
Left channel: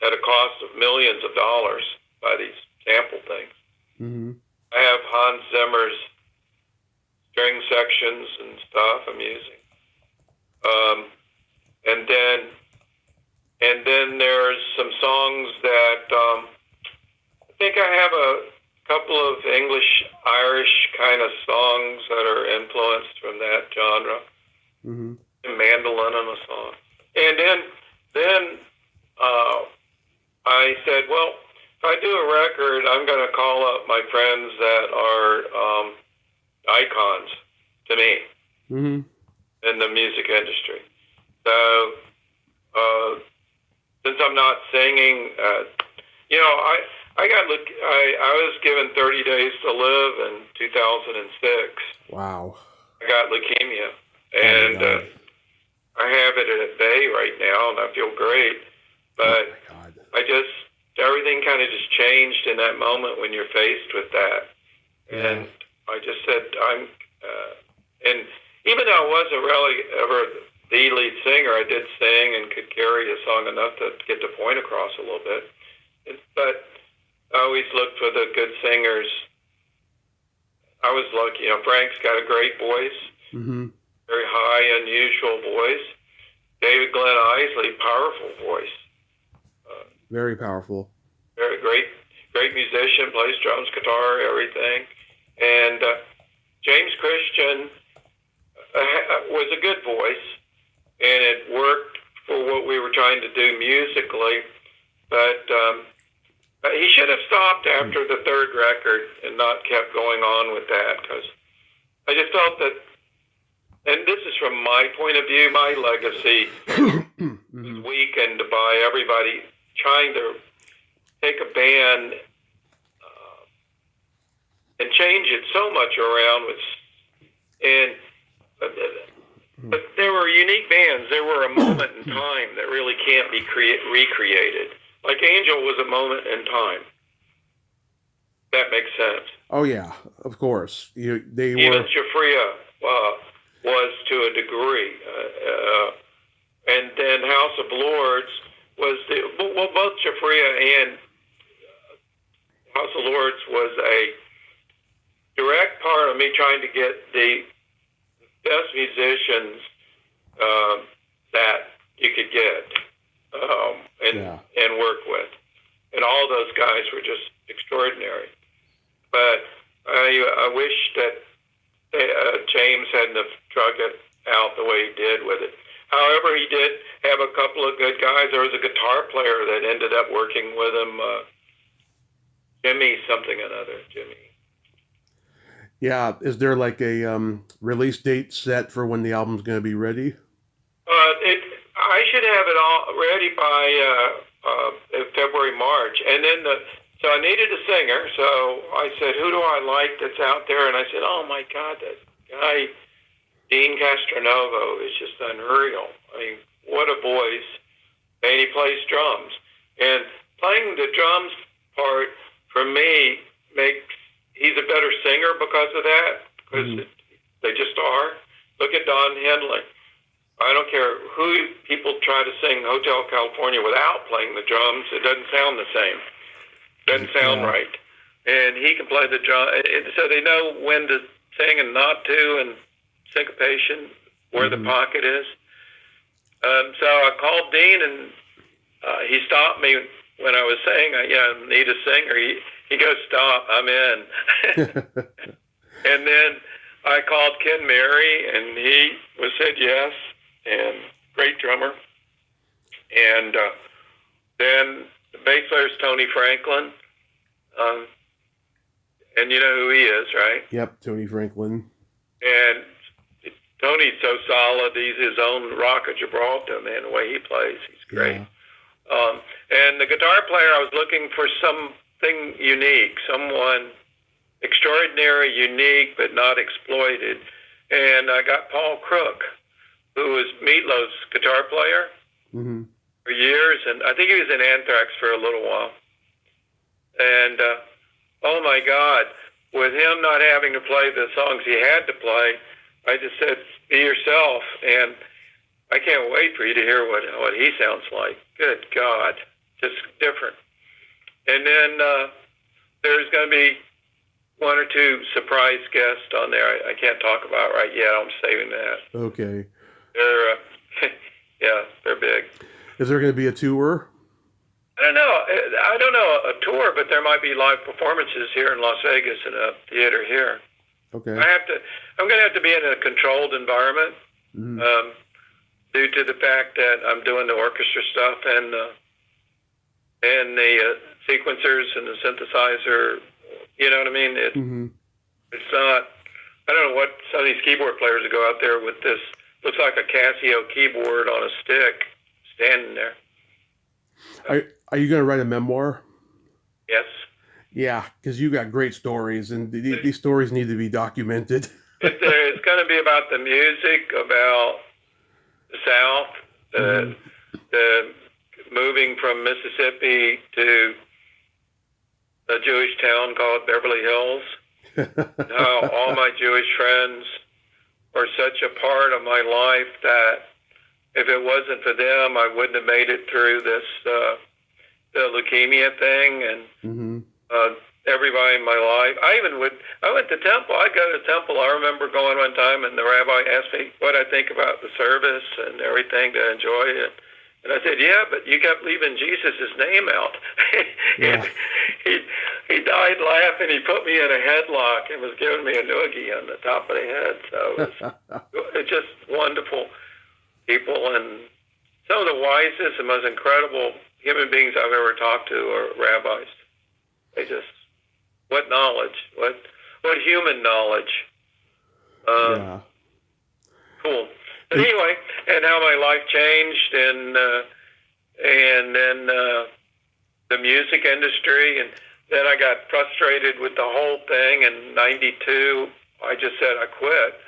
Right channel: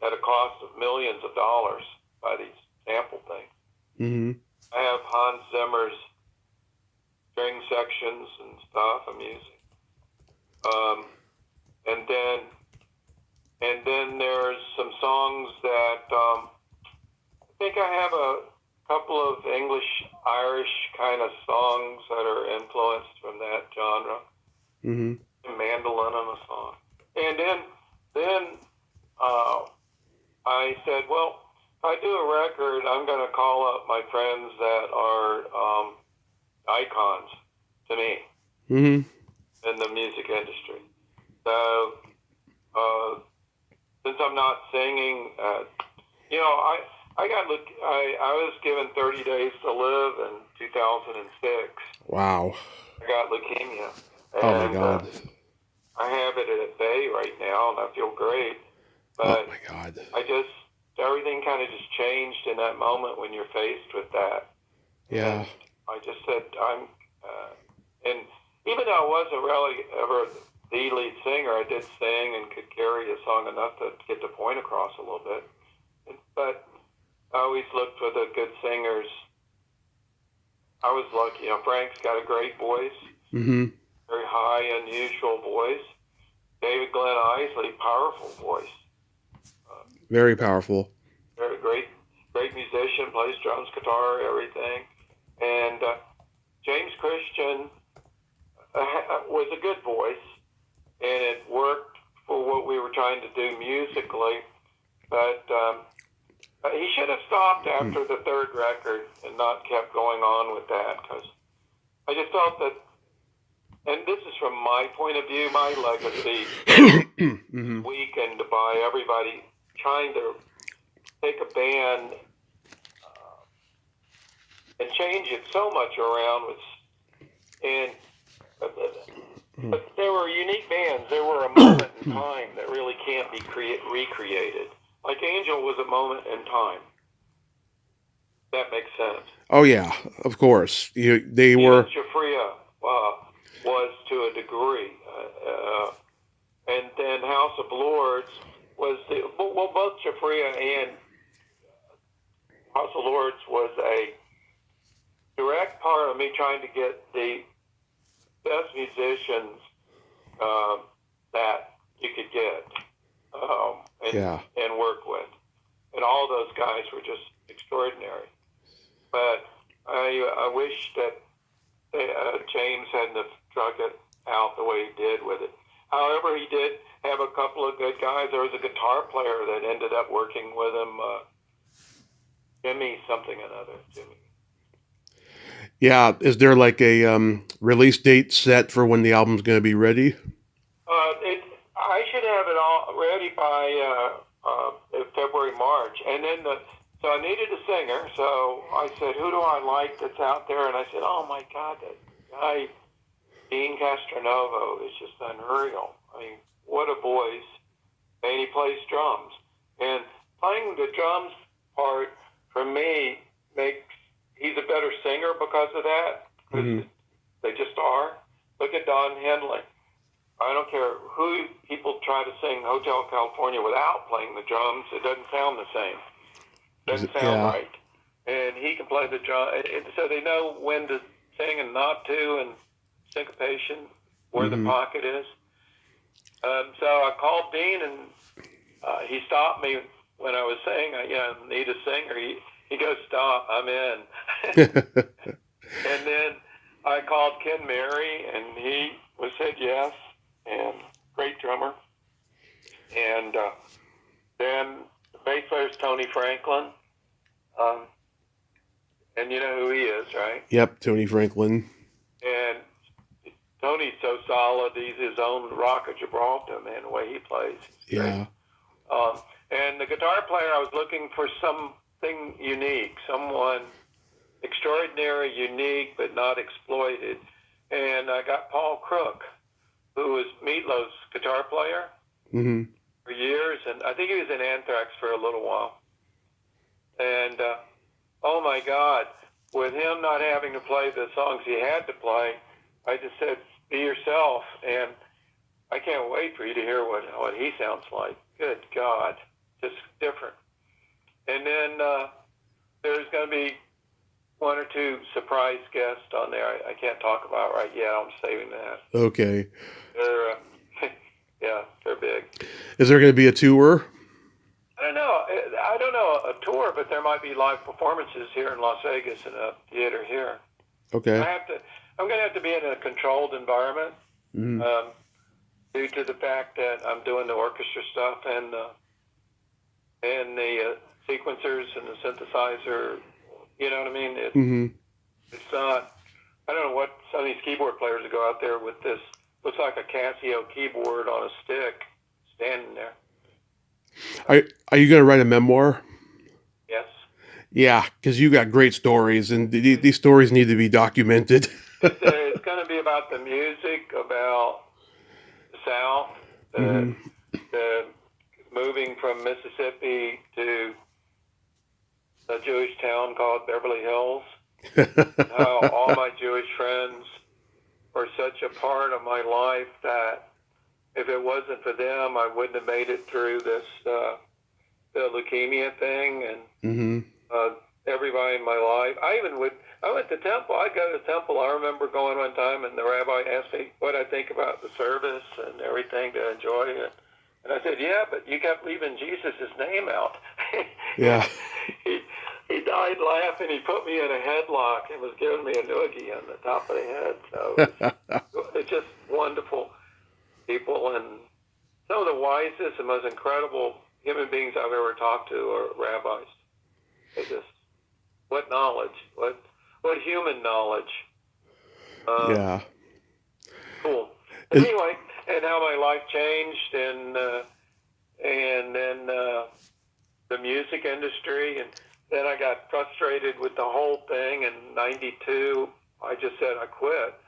at a cost of millions of dollars by these sample things. Hmm. I have Hans Zimmer's string sections and stuff I'm using. And then there's some songs that I think I have a couple of English, Irish kind of songs that are influenced from that genre. Hmm. Mandolin on a song. And then I said, well, if I do a record, I'm going to call up my friends that are icons to me Hmm. in the music industry. So since I'm not singing, I was given 30 days to live in 2006. Wow. I got leukemia, Oh my and God. I have it at bay right now, and I feel great. Oh But my God. everything kind of just changed in that moment when you're faced with that. Yeah. And I just said, and even though I wasn't really ever the lead singer, I did sing and could carry a song enough to get the point across a little bit. But I always looked for the good singers. I was lucky, Frank's got a great voice, Hmm. very high, unusual voice. David Glenn Isley, powerful voice. Very powerful. Very great musician, plays drums, guitar, everything. And James Christian was a good voice, and it worked for what we were trying to do musically. But he should have stopped after the 3rd record and not kept going on with that, because I just felt that, and this is from my point of view, my legacy Hmm. was weakened by everybody trying to take a band and change it so much around. But there were unique bands. There were a moment in time that really can't be recreated. Like Angel was a moment in time. That makes sense. Oh yeah, of course. They Even were. Giuffria was to a degree. And then House of Lords was both Giuffria and House of Lords was a direct part of me trying to get the best musicians that you could get and work with. And all those guys were just extraordinary. But I wish that James hadn't have drug it out the way he did with it. However, he did have a couple of good guys. There was a guitar player that ended up working with him, Jimmy something another, Jimmy. Yeah, is there like a release date set for when the album's going to be ready? I should have it all ready by February, March, and then so I needed a singer. So I said, "Who do I like that's out there?" And I said, "Oh my God, that guy, Dean Castronovo, is just unreal. I mean, what a voice, and he plays drums." And playing the drums part, for me, he's a better singer because of that, because they just are. Look at Don Henley. I don't care who people try to sing Hotel California without playing the drums. It doesn't sound the same. Doesn't sound right. And he can play the drum. So they know when to sing and not to, and syncopation, where the pocket is. So I called Dean, and he stopped me when I was saying, I need a singer. He goes, stop, I'm in. And then I called Ken Mary, and he said yes, and great drummer. And then the bass player is Tony Franklin. And you know who he is, right? Yep, Tony Franklin. And Tony's so solid. He's his own rock of Gibraltar, man, the way he plays. He's great. Yeah. And the guitar player, I was looking for something unique, someone extraordinary, unique, but not exploited. And I got Paul Crook, who was Meatloaf's guitar player for years, and I think he was in Anthrax for a little while. And oh my God, with him not having to play the songs he had to play, I just said, be yourself. And I can't wait for you to hear what he sounds like. Good God, just different. And then there's going to be one or two surprise guests on there I can't talk about right yet. I'm saving that. Okay. They're big. Is there going to be a tour? I don't know a tour, but there might be live performances here in Las Vegas in a theater here. Okay. I'm going to have to be in a controlled environment due to the fact that I'm doing the orchestra stuff and the sequencers and the synthesizer. You know what I mean? It's not. I don't know what some of these keyboard players that go out there with this looks like a Casio keyboard on a stick standing there. Are you going to write a memoir? Yes. Yeah, because you got great stories, and these stories need to be documented. It's going to be about the music, about the South, the moving from Mississippi to a Jewish town called Beverly Hills. How all my Jewish friends are such a part of my life that if it wasn't for them, I wouldn't have made it through this the leukemia thing, and everybody in my life. I went to temple. I go to temple. I remember going one time, and the rabbi asked me what I think about the service and everything to enjoy it. And I said, yeah, but you kept leaving Jesus' name out. Yeah. He died laughing. He put me in a headlock and was giving me a noogie on the top of the head. So it's just wonderful people, and some of the wisest and most incredible human beings I've ever talked to are rabbis. They just, what knowledge, what human knowledge. Yeah. Cool. But anyway, and how my life changed, and then the music industry, and then I got frustrated with the whole thing. In '92, I just said I quit,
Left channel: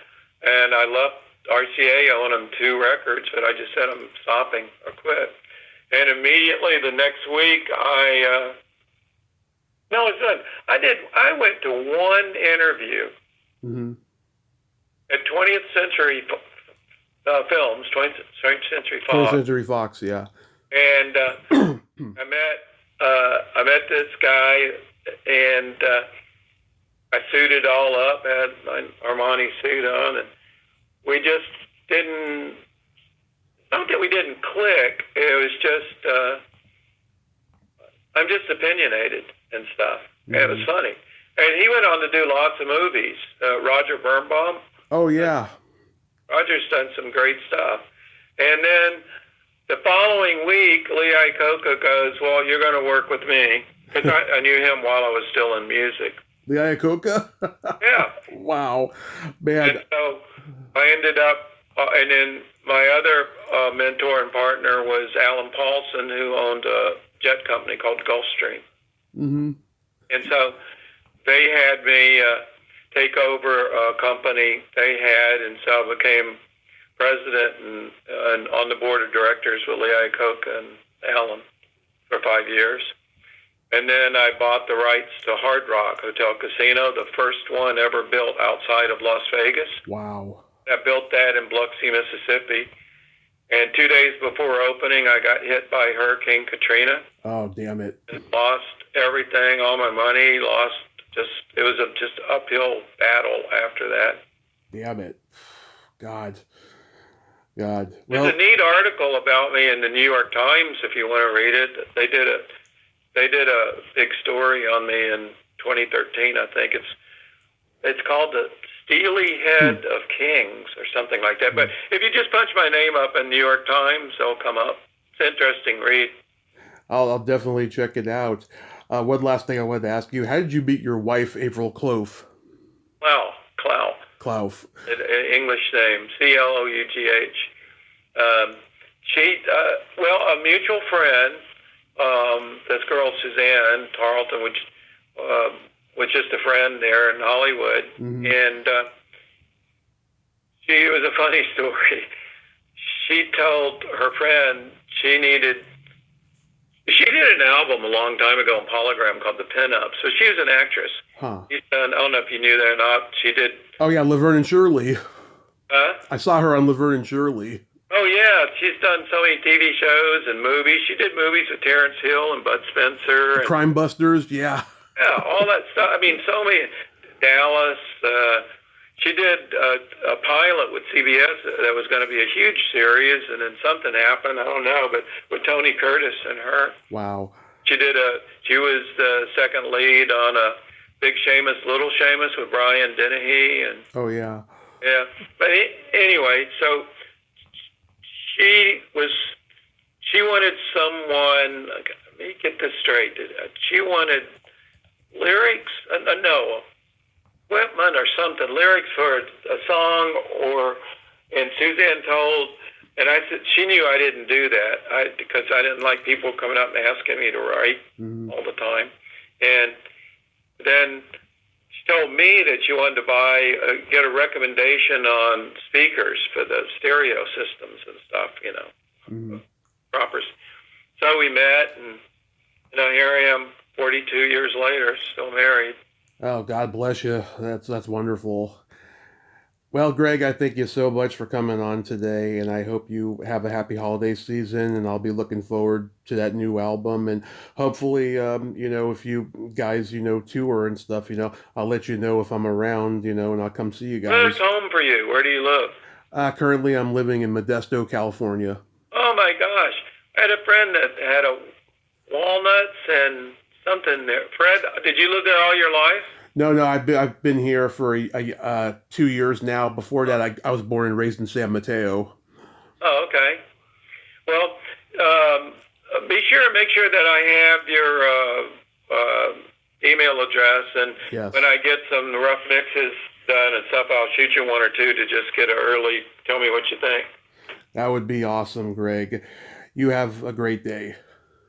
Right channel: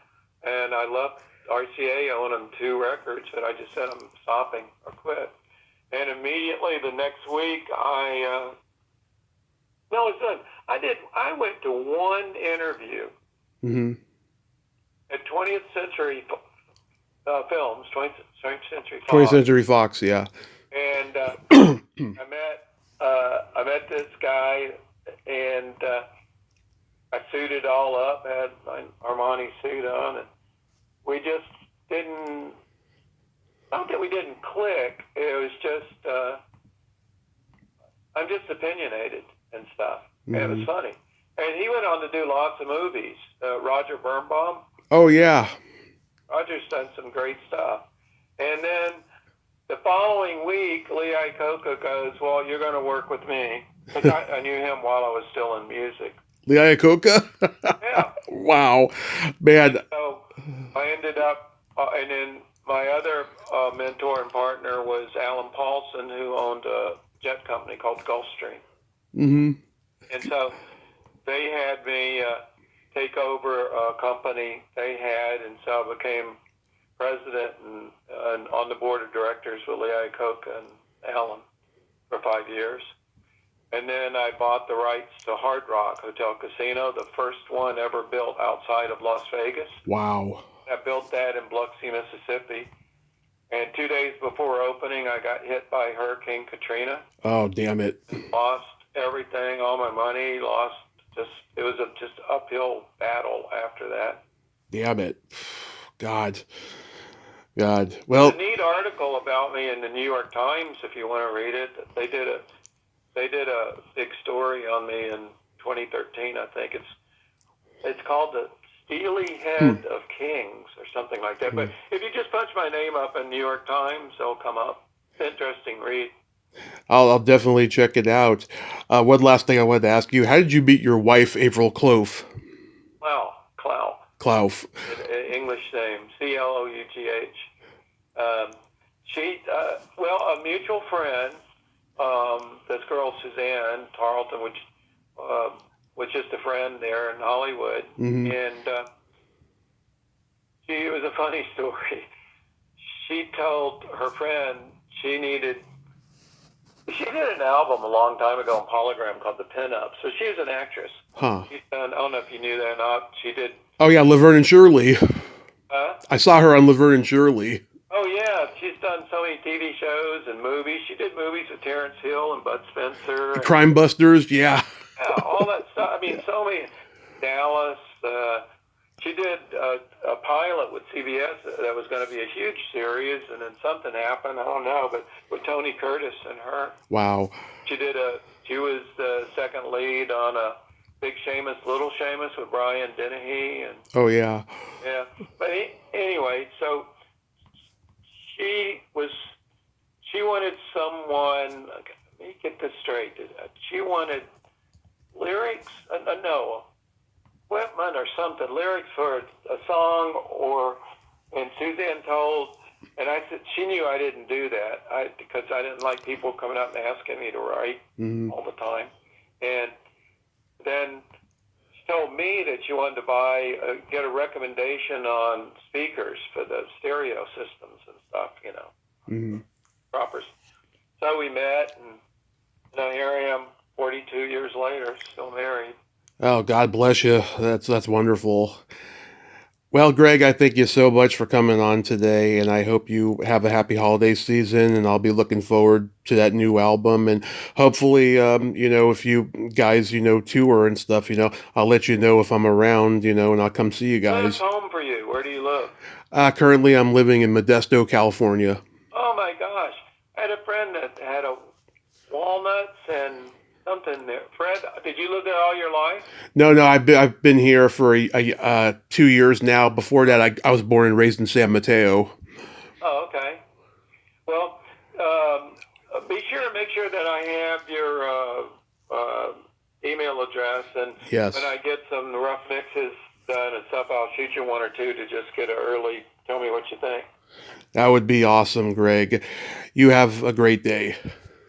and I left RCA. I owned them 2 records, but I just said I'm stopping or quit. And immediately the next week, I went to one interview at 20th Century Films, 20th Century Fox. 20th Century Fox, yeah. And I met this guy, and I suited all up, had my Armani suit on, and we just didn't. I don't think we didn't click. It was just I'm just opinionated and stuff. And it was funny. And he went on to do lots of movies. Roger Birnbaum. Oh, yeah. Roger's done some great stuff. And then the following week, Lee Iacocca goes, well, you're going to work with me. Because I knew him while I was still in music. Lee Iacocca? Yeah. Wow. Man. And so I ended up, and then my other mentor and partner was Alan Paulson, who owned a jet company called Gulfstream. And so they had me take over a company they had, and so I became president and on the board of directors with Lee Iacocca and Alan. for 5 years. And then I bought the rights to Hard Rock Hotel Casino, the first one ever built outside of Las Vegas. Wow. I built that in Biloxi, Mississippi. And 2 days before opening, I got hit by Hurricane Katrina. Oh, damn it. Lost everything, all my money, it was a just uphill battle after that. Damn it. God. Well, there's a neat article about me in the New York Times if you want to read it. They did a big story on me in 2013. I think it's called the Steely Head of Kings or something like that. But if you just punch my name up in New York Times, it'll come up. It's an interesting read. I'll definitely check it out. One last thing I wanted to ask you: how did you meet your wife, April Clough? Clough. English name, Clough. A mutual friend, this girl Suzanne Tarleton, which was just a friend there in Hollywood, and it was a funny story. She told her friend she did an album a long time ago on Polygram called The Pin-Up. So she was an actress. Huh. I don't know if you knew that or not. She did. Oh, yeah, Laverne and Shirley. Huh? I saw her on Laverne and Shirley. Oh, yeah. She's done so many TV shows and movies. She did movies with Terrence Hill and Bud Spencer. And, Crime Busters, yeah. Yeah, all that stuff. I mean, so many. Dallas. She did a pilot with CBS that was going to be a huge series, and then something happened. I don't know, but with Tony Curtis and her. Wow. She was the second lead on a Big Seamus, Little Seamus with Brian Dennehy. And oh, yeah. Yeah. But anyway, so she wanted someone, let me get this straight. She wanted lyrics, equipment or something, lyrics for a song, and Suzanne told, and I said, she knew I didn't do that, because I didn't like people coming up and asking me to write all the time. And then she told me that she wanted to get a recommendation on speakers for the stereo systems and stuff, proper. So we met, and here I am 42 years later, still married. Oh, God bless you. That's wonderful. Well, Gregg, I thank you so much for coming on today, and I hope you have a happy holiday season, and I'll be looking forward to that new album, and hopefully, if you guys, tour and stuff, I'll let you know if I'm around, and I'll come see you guys. Where's home for you? Where do you live? Currently, I'm living in Modesto, California. Oh, my gosh. I had a friend that had a walnuts and something there. Fred, did you live there all your life? No, I've been here for 2 years now. Before that, I was born and raised in San Mateo. Oh, okay. Well, make sure that I have your email address, and yes. When I get some rough mixes done and stuff, I'll shoot you one or two to just get tell me what you think. That would be awesome, Gregg. You have a great day.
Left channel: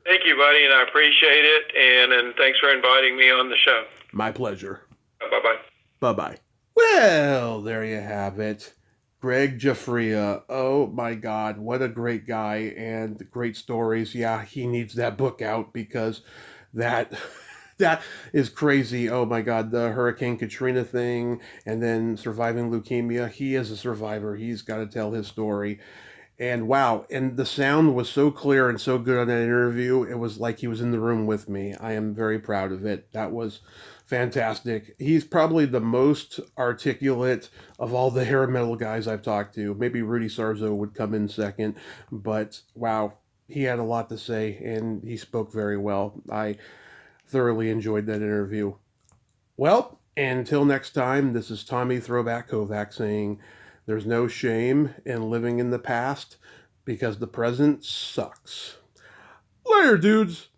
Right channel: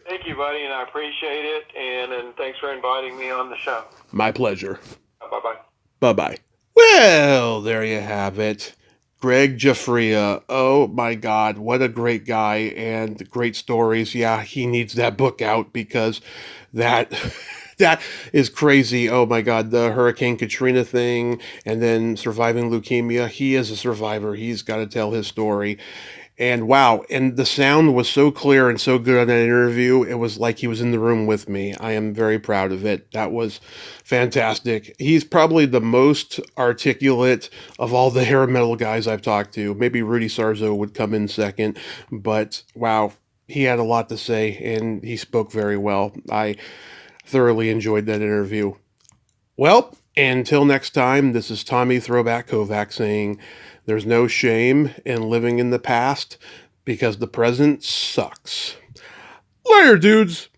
Thank you, buddy, and I appreciate it, and thanks for inviting me on the show. My pleasure. Bye-bye. Bye-bye. Well, there you have it. Gregg Giuffria. Oh, my God. What a great guy and great stories. Yeah, he needs that book out because that is crazy. Oh, my God. The Hurricane Katrina thing and then surviving leukemia. He is a survivor. He's got to tell his story. And wow, and the sound was so clear and so good on that interview. It was like he was in the room with me. I am very proud of it. That was fantastic. He's probably the most articulate of all the hair metal guys I've talked to. Maybe Rudy Sarzo would come in second, but wow, he had a lot to say and he spoke very well. I thoroughly enjoyed that interview. Well, until next time, this is Tommy Throwback Kovac saying, there's no shame in living in the past because the present sucks. Later, dudes.